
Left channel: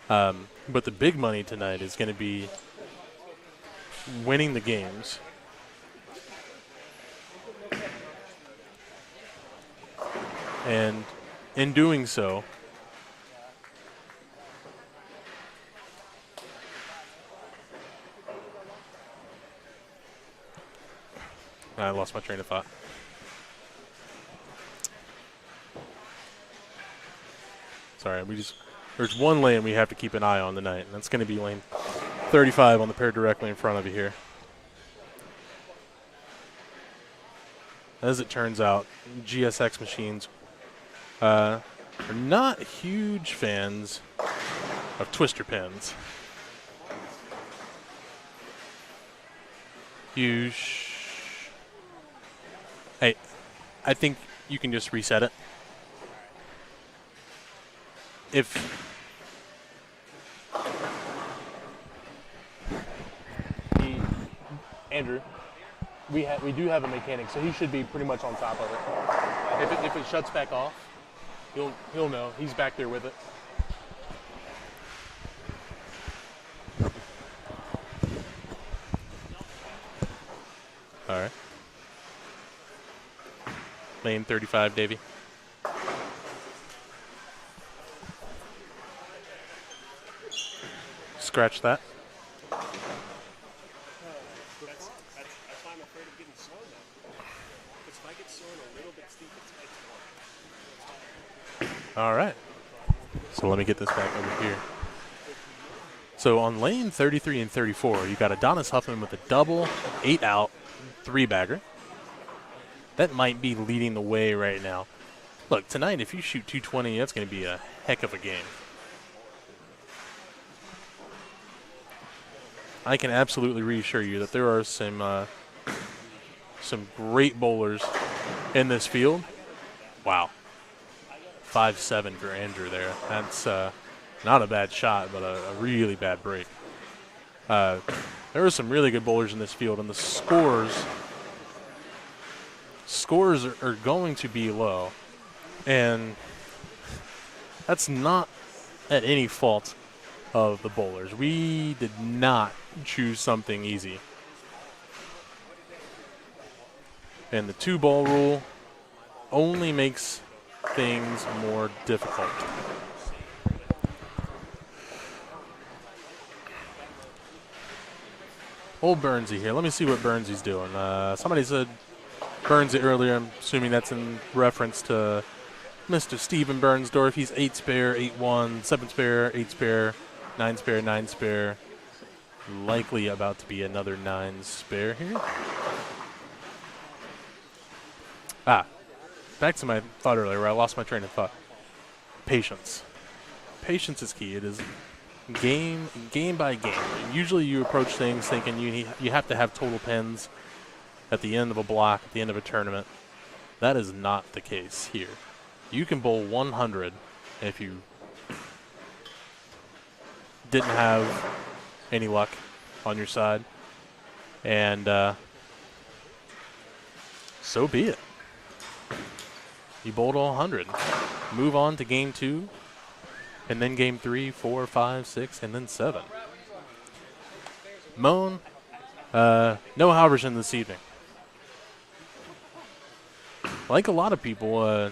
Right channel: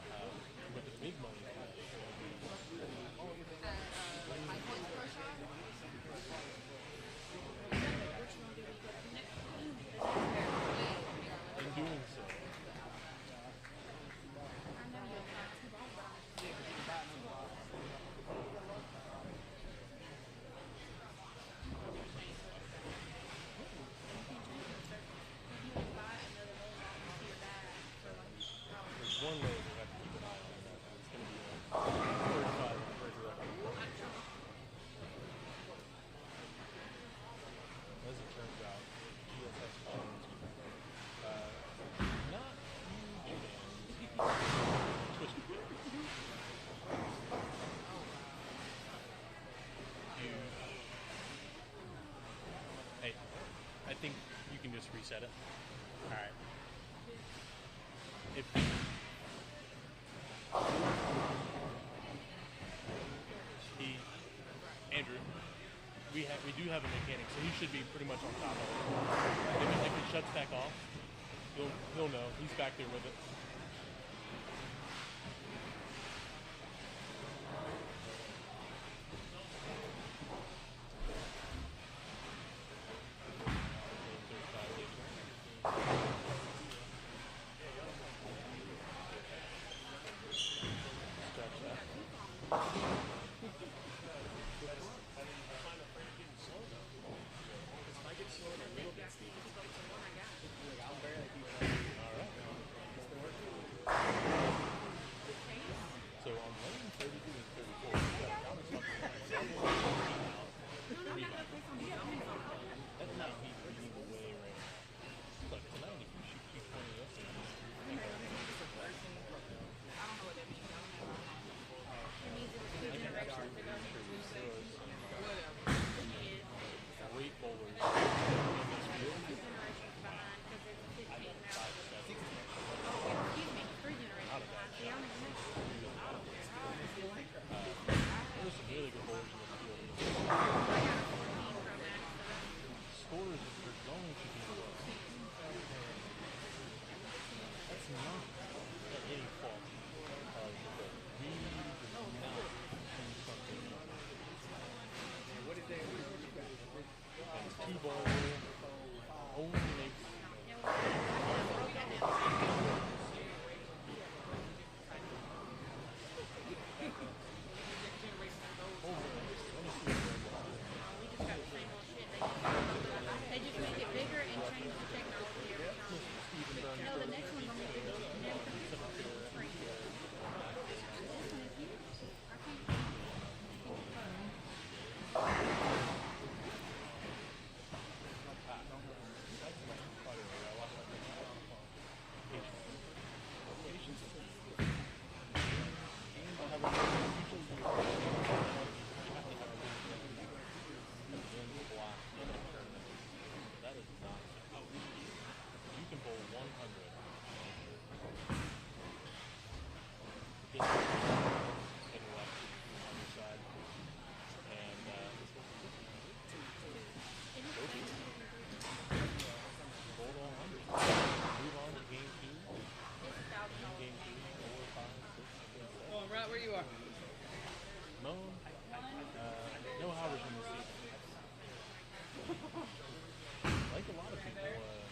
But the big money tonight is going to be winning the games. And in doing so, I lost my train of thought. Sorry, there's one lane we have to keep an eye on tonight, and that's going to be lane 35 on the pair directly in front of you here. As it turns out, GSX machines are not huge fans of twister pins. Hey, I think you can just reset it. Andrew, we do have a mechanic, so he should be pretty much on top of it. If it shuts back off, he'll know. He's back there with it. All right. Lane 35, Davey. Scratch that. All right. So let me get this back over here. So on lane 33 and 34, you got Adonis Huffman with a double, 8 out, 3-bagger. That might be leading the way right now. Look, tonight, if you shoot 220, that's going to be a heck of a game. I can absolutely reassure you that there are some great bowlers in this field. Wow. 5-7 for Andrew there. That's not a bad shot, but a really bad break. There are some really good bowlers in this field, and the scores are going to be low. And that's not at any fault of the bowlers. We did not choose something easy. And the 2-ball rule only makes things more difficult. Old Burnsy here. Let me see what Burnsy's doing. Somebody said Burnsy earlier. I'm assuming that's in reference to Mr. Steven Bernsdorf. He's 8 spare, 8-1, 7 spare, 8 spare, 9 spare, 9 spare. Likely about to be another 9 spare here. Back to my thought earlier where I lost my train of thought. Patience. Patience is key. It is game by game. Usually you approach things thinking you have to have total pins at the end of a block, at the end of a tournament. That is not the case here. You can bowl 100 if you didn't have any luck on your side. And so be it. You bowled all 100. Move on to game 2, and then game 3, 4, 5, 6, and then 7. Moan, no Halverson this evening. Like a lot of people,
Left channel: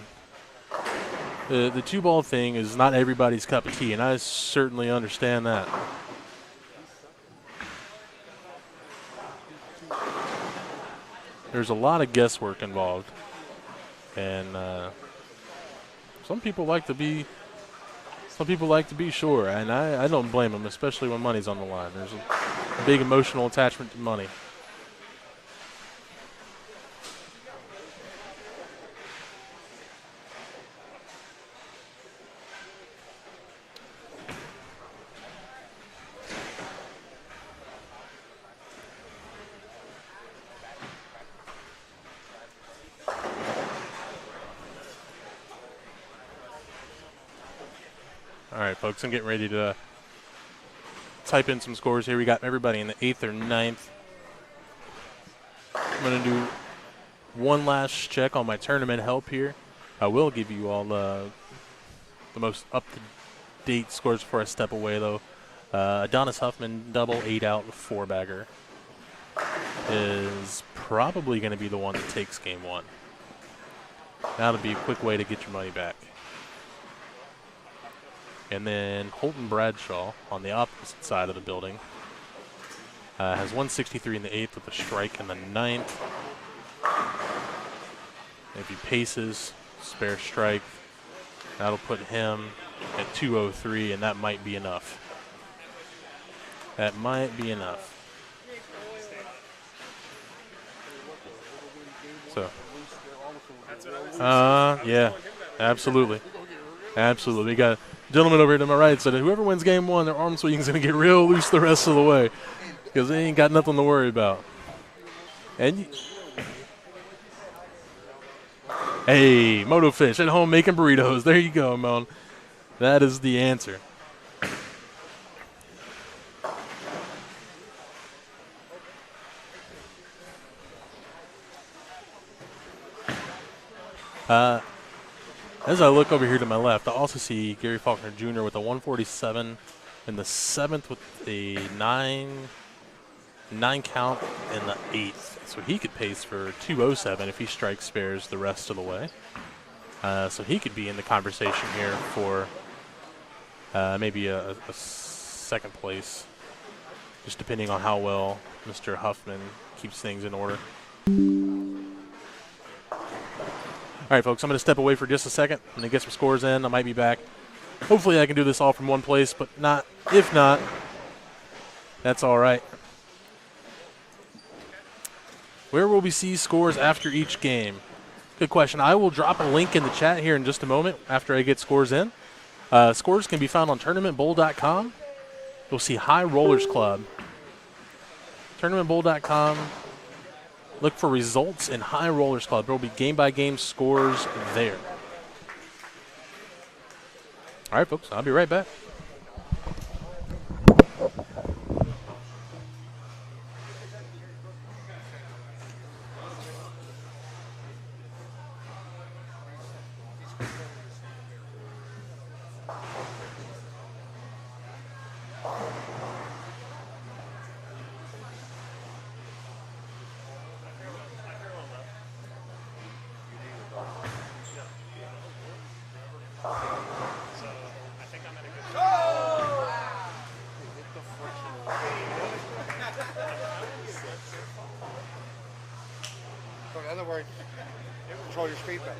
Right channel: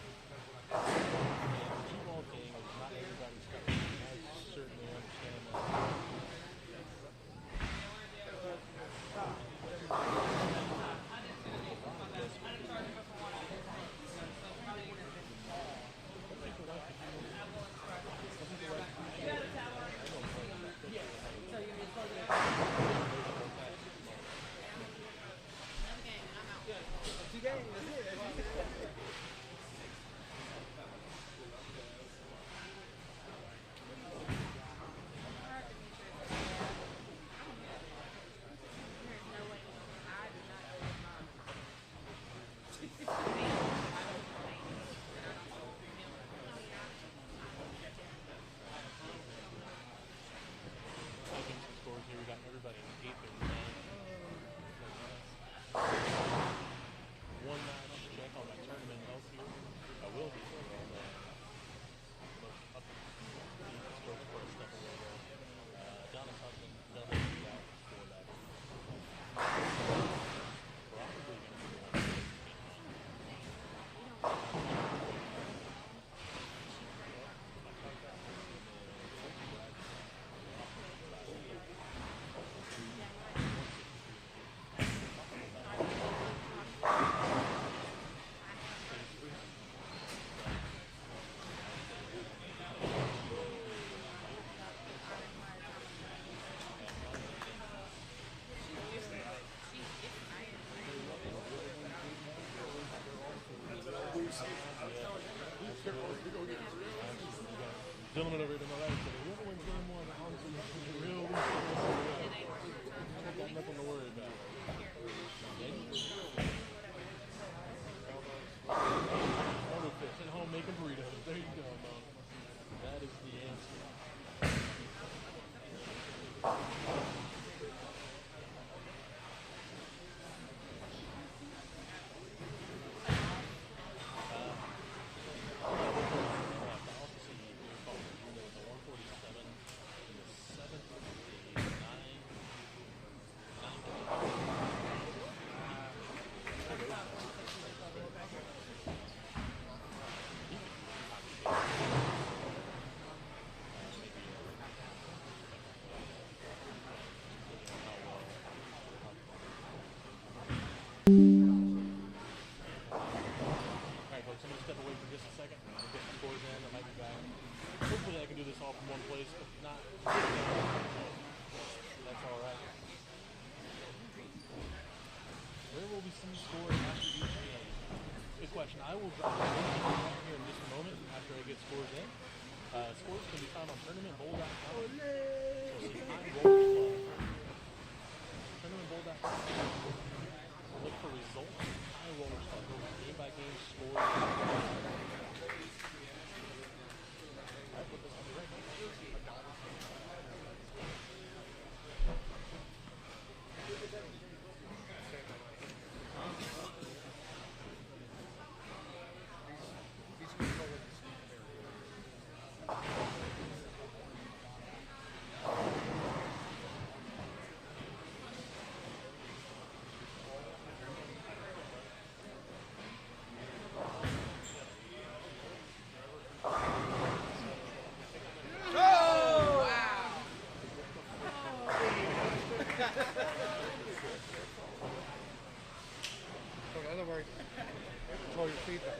the 2-ball thing is not everybody's cup of tea, and I certainly understand that. There's a lot of guesswork involved. And some people like to be sure, and I don't blame them, especially when money's on the line. There's a big emotional attachment to money. All right, folks, I'm getting ready to type in some scores here. We got everybody in the 8th or 9th. I'm going to do one last check on my tournament help here. I will give you all the most up-to-date scores before I step away, though. Adonis Huffman, double, 8 out, 4-bagger, is probably going to be the one that takes game 1. That'll be a quick way to get your money back. And then Holton Bradshaw on the opposite side of the building has 163 in the 8th with a strike in the 9th. If he paces, spare strike, that'll put him at 203, and that might be enough. That might be enough. So, yeah, absolutely. Absolutely. We got gentleman over here to my right said whoever wins game 1, their arm swing's going to get real loose the rest of the way because they ain't got nothing to worry about. And hey, Moto Fish at home making burritos. There you go, man. That is the answer. As I look over here to my left, I also see Gary Faulkner Jr. with a 147 in the 7th with a 9 9 count in the 8th. So he could pace for 207 if he strikes spares the rest of the way. So he could be in the conversation here for maybe a second place, just depending on how well Mr. Huffman keeps things in order. All right, folks, I'm going to step away for just a second and then get some scores in. I might be back. Hopefully I can do this all from one place, but not. If not, that's all right. Where will we see scores after each game? Good question. I will drop a link in the chat here in just a moment after I get scores in. Scores can be found on tournamentbowl.com. You'll see High Rollers Club. Tournamentbowl.com. Look for results in High Rollers Club. There will be game-by-game scores there. All right, folks, I'll be right back. So in other words, you control your speed back.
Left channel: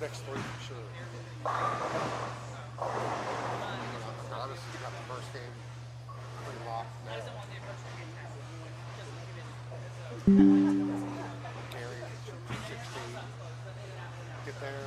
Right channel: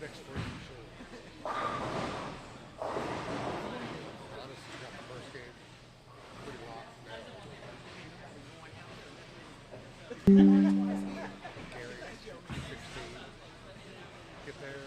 Next three for sure. Honestly, not the first game. Like a lot. Carry. Get there.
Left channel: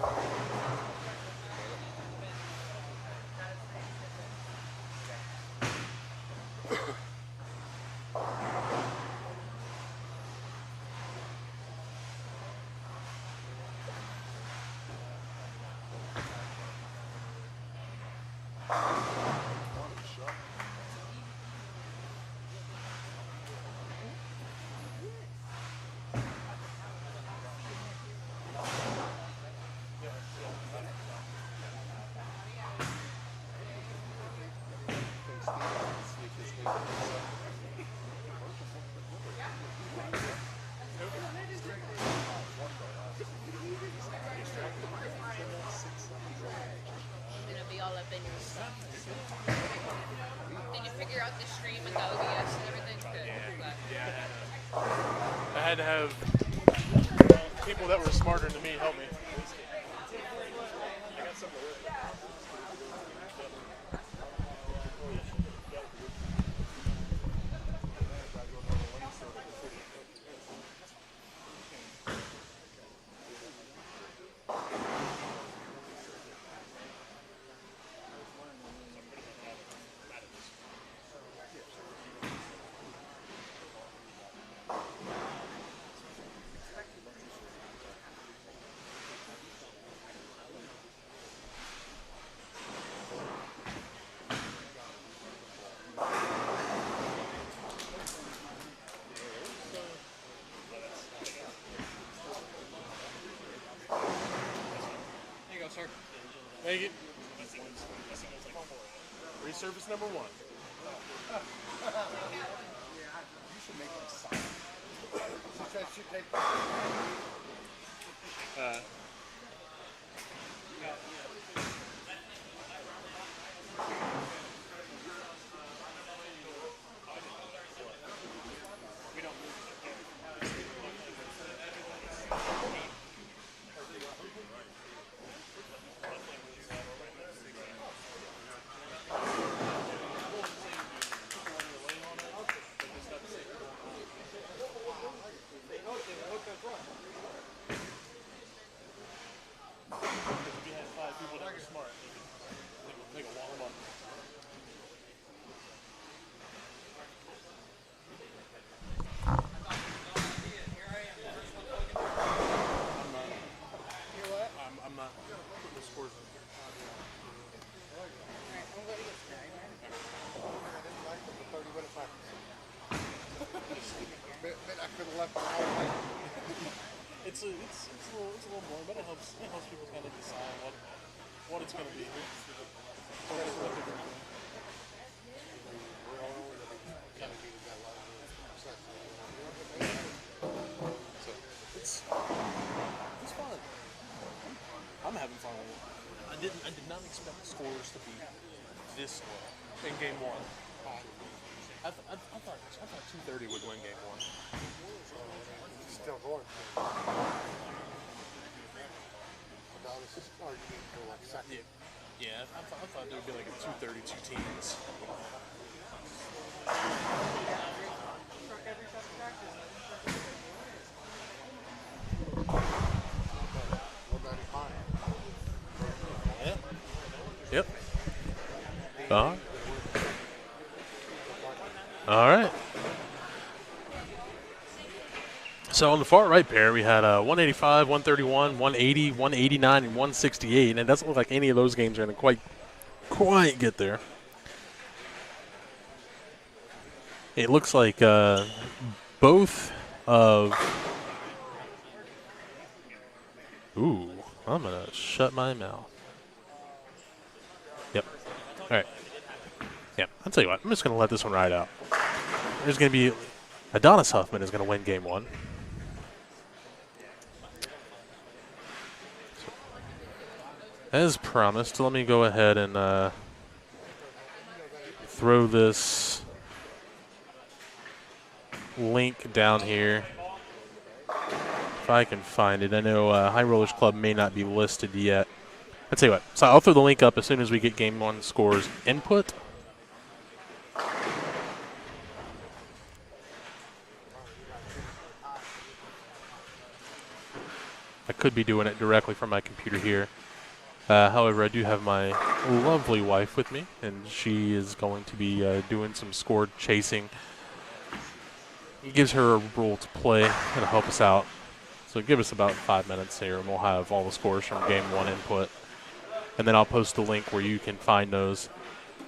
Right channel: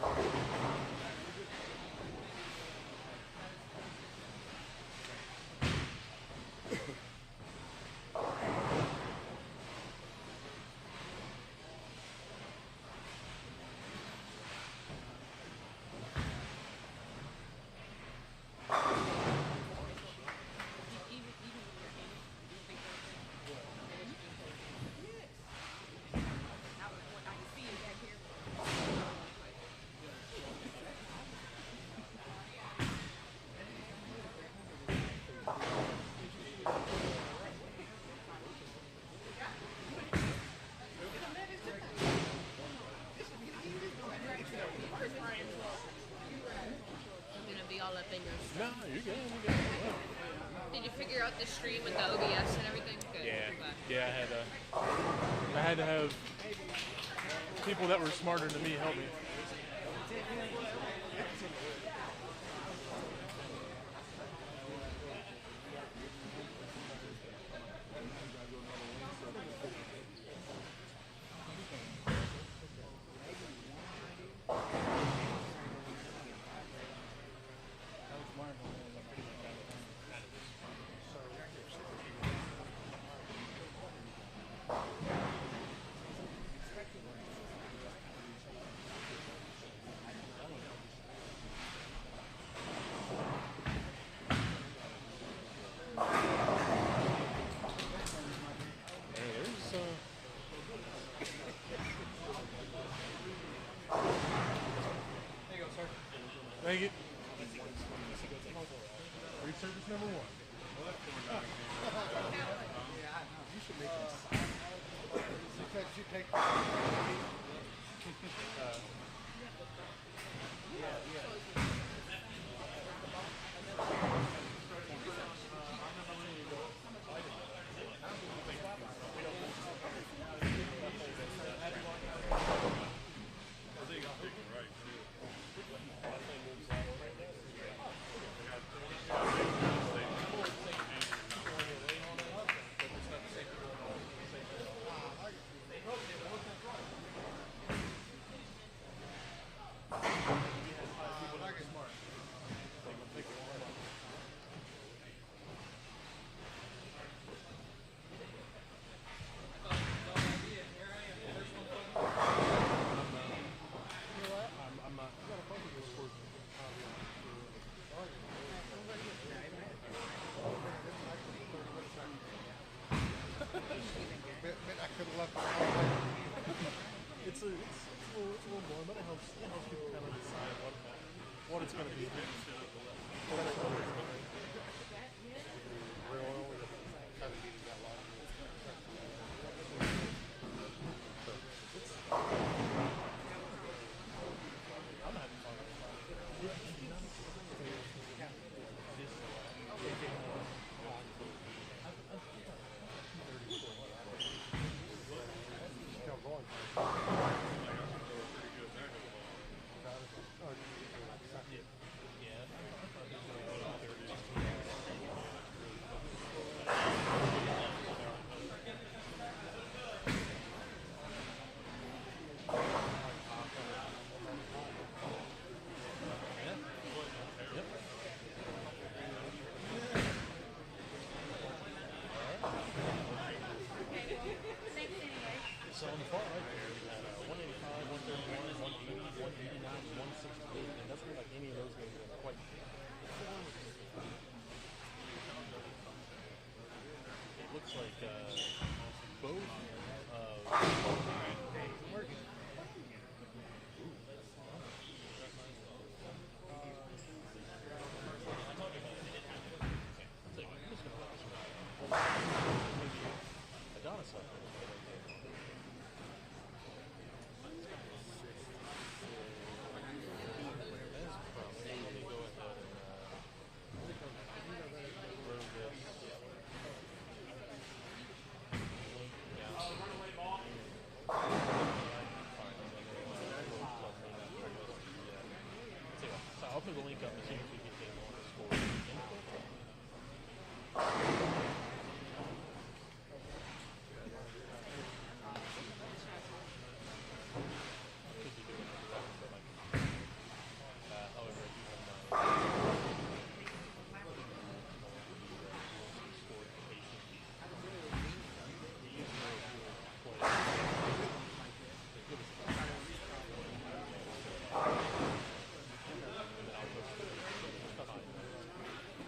Did you figure out the stream with the OBS and everything? Yeah, I had to have people that were smarter than me help me. All right. So on the far right pair, we had 185, 131, 180, 189, and 168. And it doesn't look like any of those games are going to quite get there. It looks like both of... Ooh, I'm going to shut my mouth. Yep. All right. Yeah, I'll tell you what. I'm just going to let this one ride out. There's going to be... Adonis Huffman is going to win game 1. As promised, let me go ahead and throw this link down here. If I can find it. I know High Rollers Club may not be listed yet. I'll tell you what. So I'll throw the link up as soon as we get game 1 scores input. I could be doing it directly from my computer here. However, I do have my lovely wife with me, and she is going to be doing some score chasing. It gives her a role to play and help us out. So give us about 5 minutes here, and we'll have all the scores from game 1 input. And then I'll post a link where you can find those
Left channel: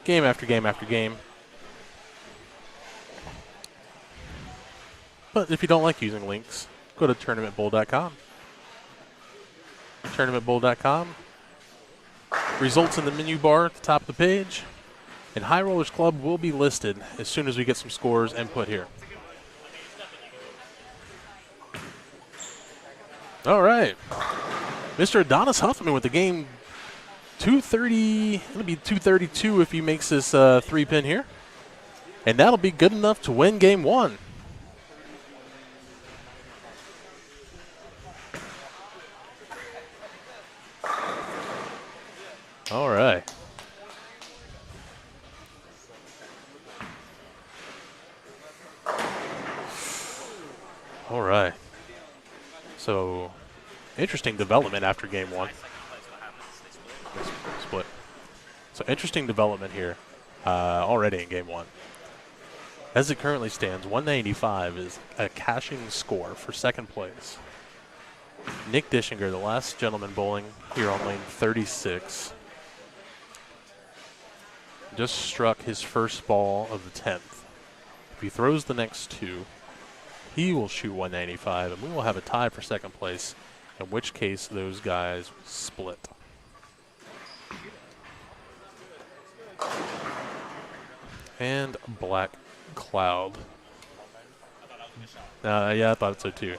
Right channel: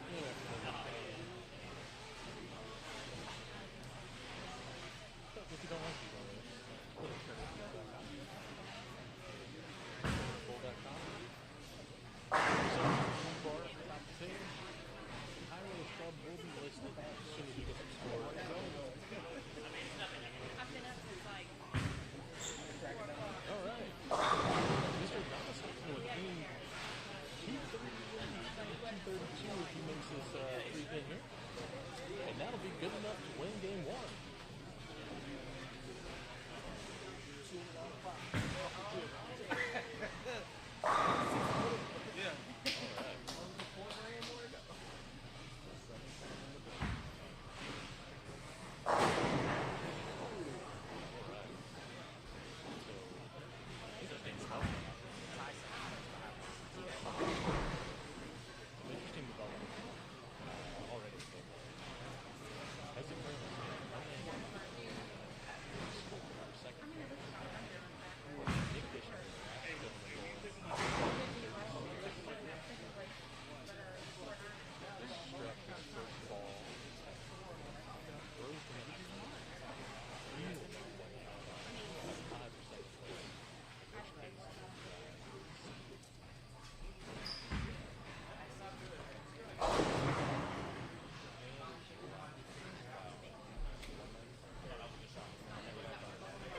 game after game after game. But if you don't like using links, go to tournamentbowl.com. Tournamentbowl.com. Results in the menu bar at the top of the page. And High Rollers Club will be listed as soon as we get some scores input here. All right. Mr. Adonis Huffman with the game 230. It'll be 232 if he makes this 3-pin here. And that'll be good enough to win game 1. All right. All right. So, interesting development after game 1. Split. So, interesting development here already in game 1. As it currently stands, 195 is a cashing score for second place. Nick Dischinger, the last gentleman bowling here on lane 36, just struck his first ball of the 10th. If he throws the next 2, he will shoot 195, and we will have a tie for second place, in which case those guys split. And Black Cloud. Yeah, I thought so too.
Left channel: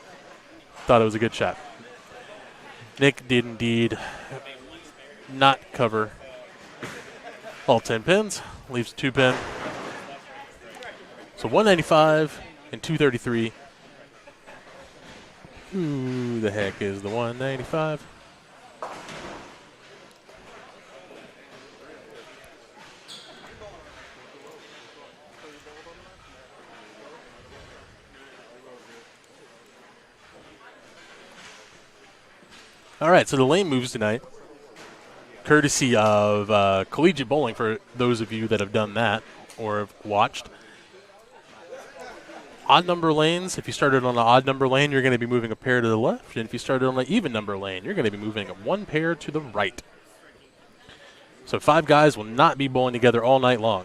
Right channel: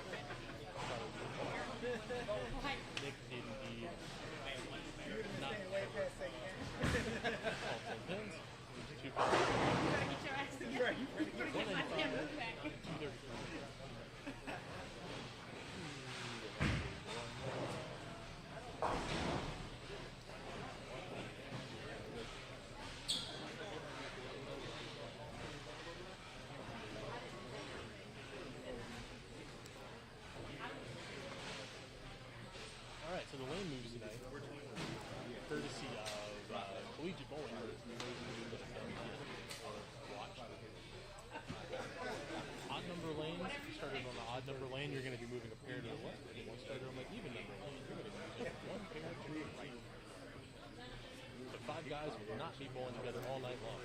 Thought it was a good shot. Nick did indeed not cover all 10 pins, leaves a 2-pin. So 195 and 233. Who the heck is the 195? All right, so the lane moves tonight, courtesy of Collegiate Bowling, for those of you that have done that or have watched. Odd number lanes, if you started on an odd number lane, you're going to be moving a pair to the left. And if you started on an even number lane, you're going to be moving 1 pair to the right. So 5 guys will not be bowling together all night long.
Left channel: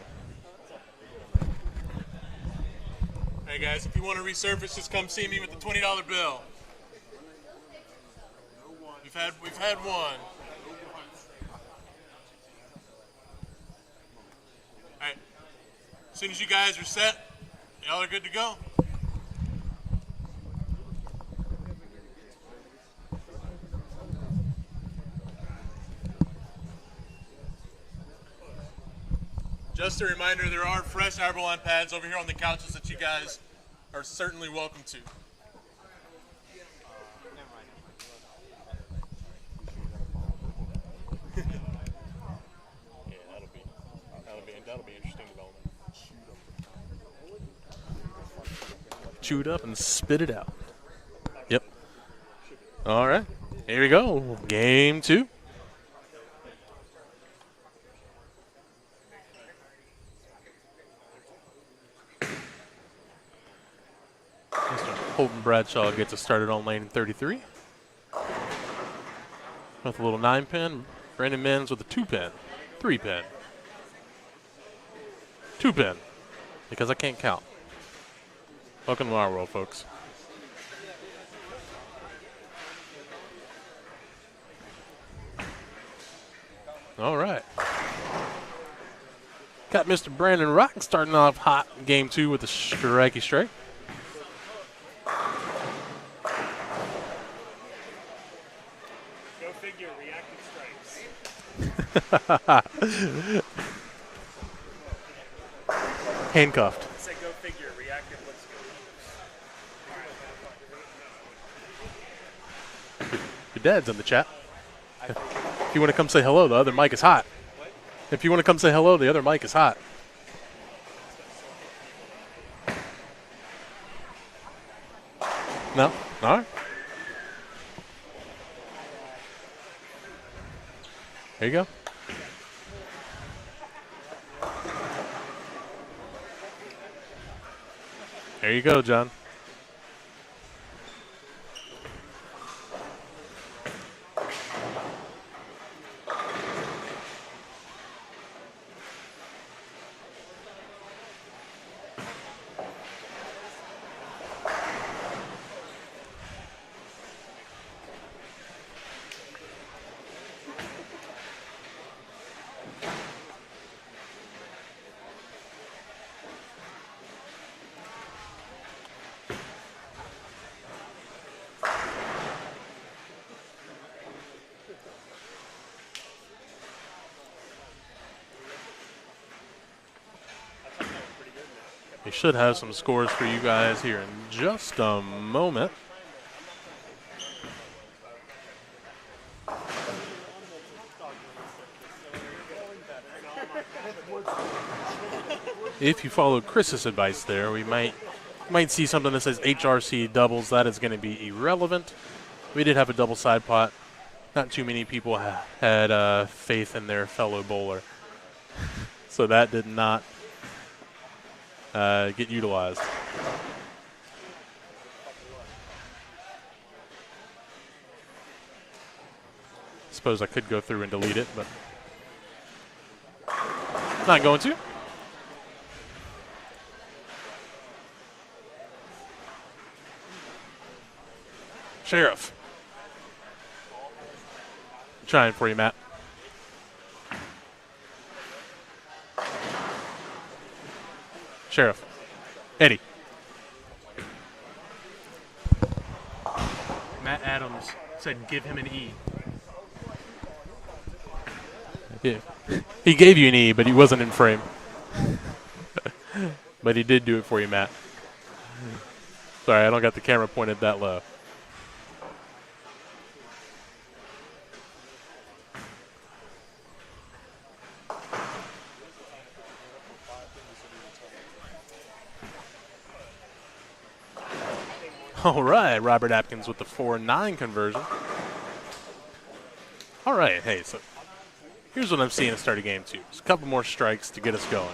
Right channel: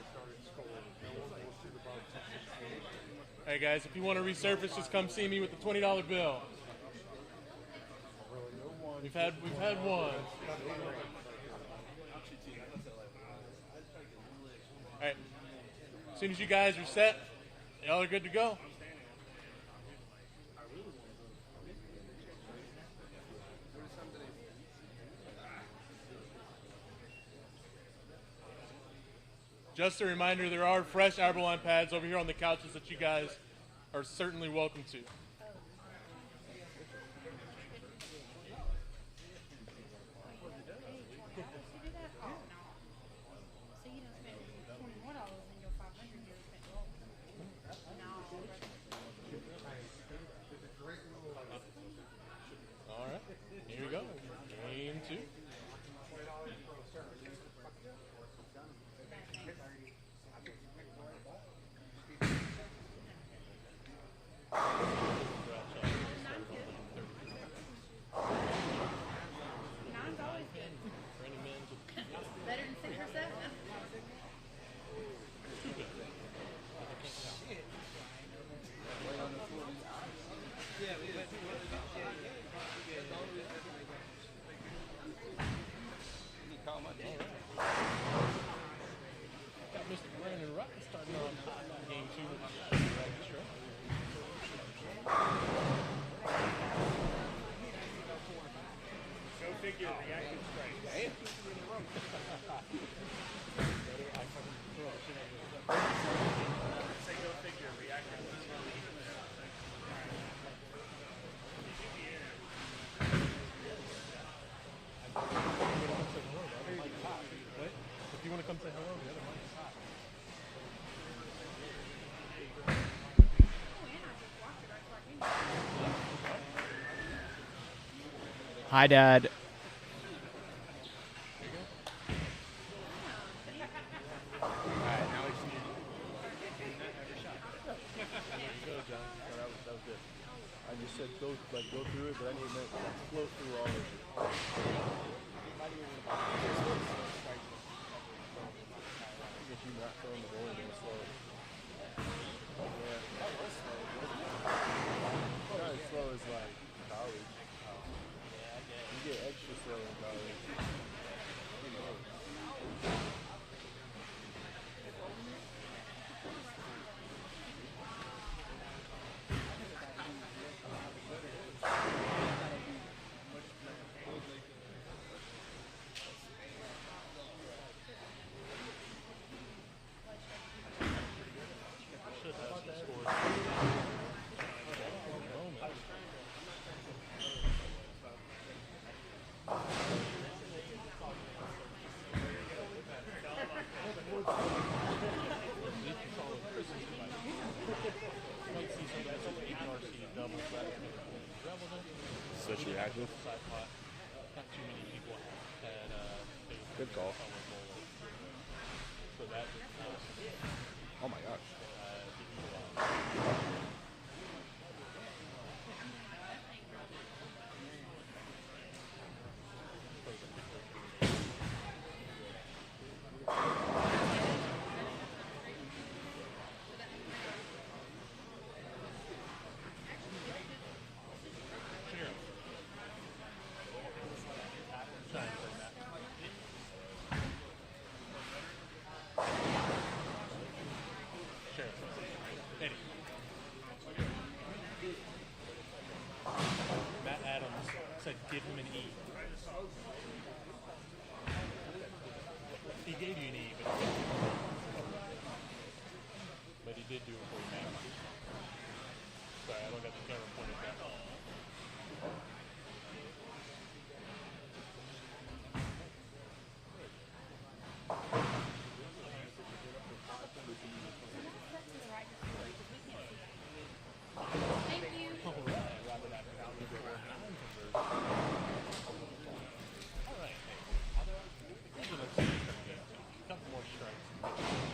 Hey guys, if you want to resurface, just come see me with the $20 bill. We've had one. All right. As soon as you guys are set, y'all are good to go. Just a reminder, there are fresh Arborline pads over here on the couches that you guys are certainly welcome to. That'll be interesting development. Chew it up and spit it out. Yep. All right. Here we go. Game 2. Colton Bradshaw gets us started on lane 33. With a little 9-pin. Brandon Mims with a 2-pin. 3-pin. 2-pin. Because I can't count. Welcome to our world, folks. All right. Got Mr. Brandon Rock starting off hot in game 2 with a strikey strike. Go figure, reactive strikes. Handcuffed. Say go figure, reactive, let's go. Your dad's in the chat. If you want to come say hello, the other mic is hot. If you want to come say hello, the other mic is hot. No? All right. Hi, Dad. There you go. There you go, John. We should have some scores for you guys here in just a moment. If you followed Chris's advice there, we might see something that says HRC doubles. That is going to be irrelevant. We did have a double side pot. Not too many people had faith in their fellow bowler. So that did not get utilized. Suppose I could go through and delete it, but not going to. Sheriff. Trying for you, Matt. Sheriff. Eddie. Matt Adams said give him an E. Yeah. He gave you an E, but he wasn't in frame. But he did do it for you, Matt. Sorry, I don't got the camera pointed that low. All right, Robert Atkins with the 4-9 conversion. All right, hey, so here's what I'm seeing at start of game 2. Just a couple more strikes to get us going.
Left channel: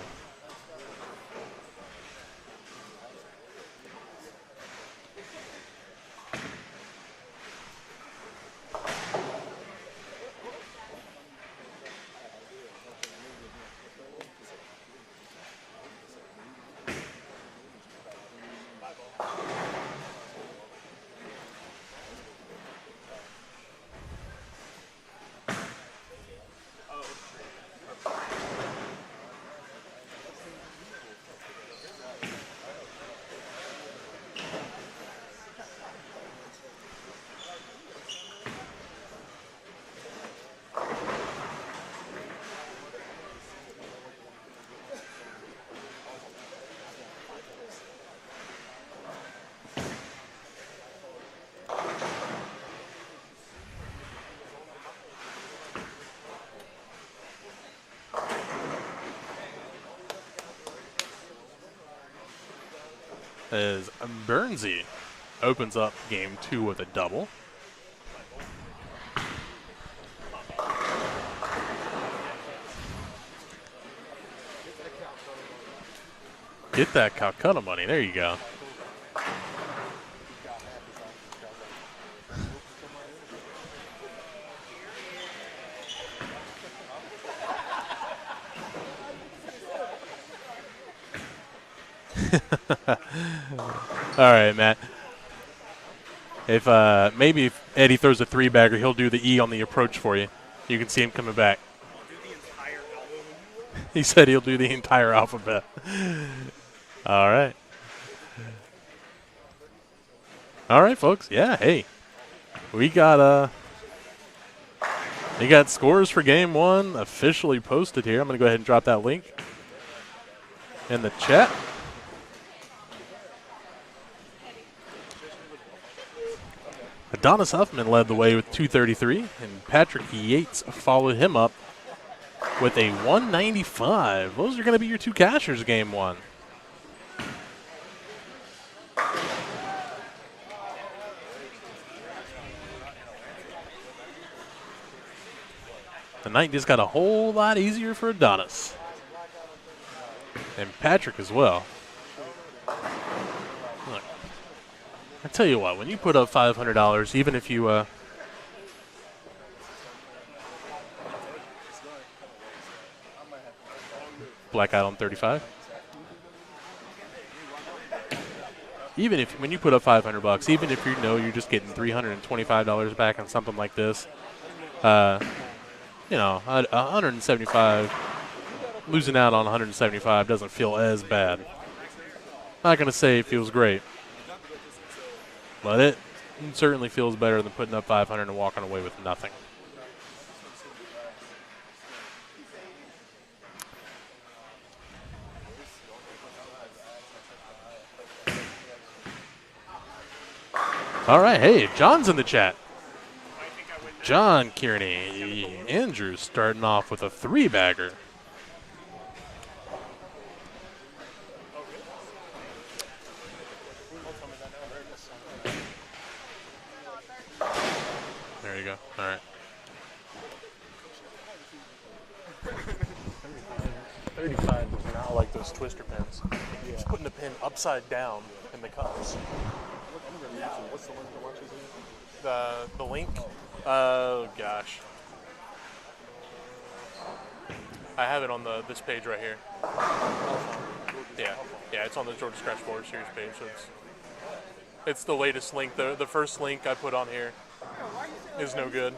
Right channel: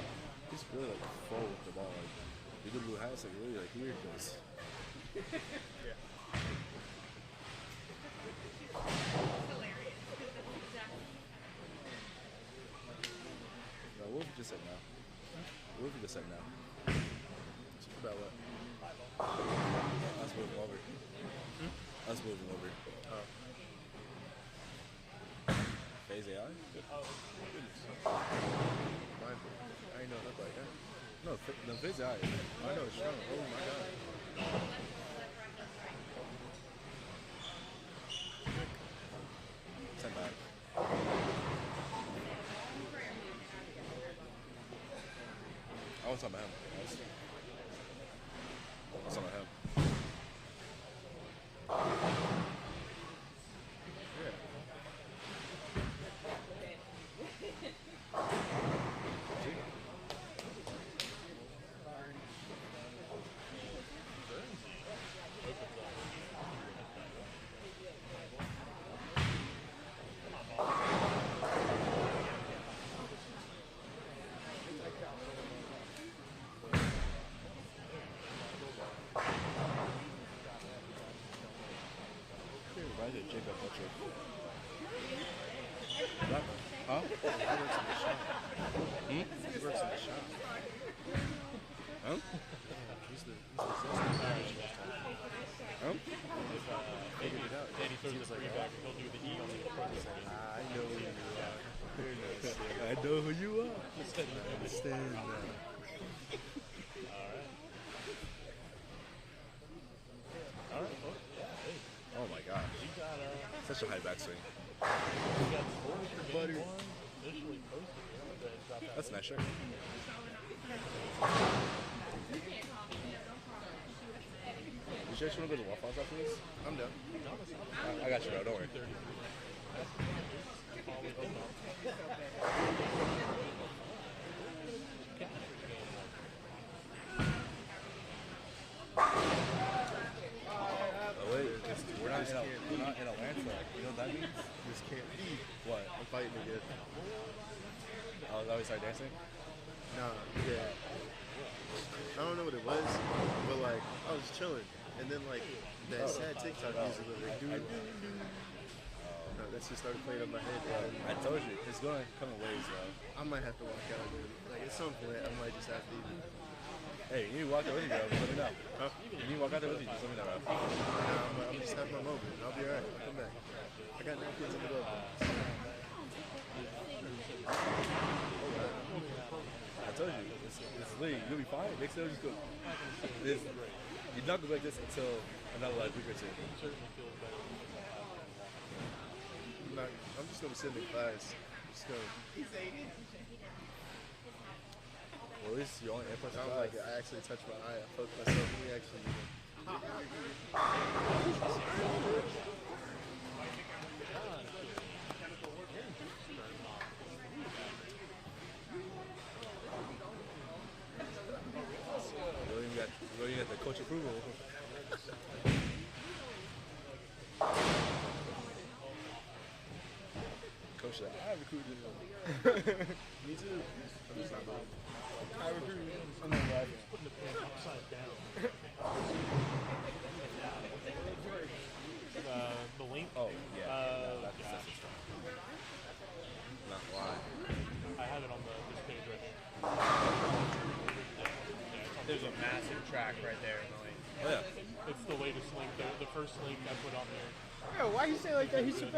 As Bernsey opens up game 2 with a double. Get that Calcutta money. There you go. All right, Matt. If maybe if Eddie throws a 3-bagger, he'll do the E on the approach for you. You can see him coming back. He said he'll do the entire alphabet. All right. All right, folks. Yeah, hey. We got scores for game 1 officially posted here. I'm going to go ahead and drop that link in the chat. Adonis Huffman led the way with 233, and Patrick Yates followed him up with a 195. Those are going to be your 2 cashers game 1. The night just got a whole lot easier for Adonis. And Patrick as well. Look, I tell you what, when you put up $500, even if you black out on 35. Even if when you put up $500, even if you know you're just getting $325 back on something like this, you know, 175, losing out on 175 doesn't feel as bad. Not going to say it feels great, but it certainly feels better than putting up 500 and walking away with nothing. All right, hey, John's in the chat. John Kearney. Andrew's starting off with a 3-bagger. There you go. All right. 35 is now like those twister pins. Just putting the pin upside down in the cups. What's the link? The link? Oh gosh. I have it on this page right here. Yeah, it's on the Georgia Scratch Boards. Here's the page. It's the latest link. The first link I put on here is no good.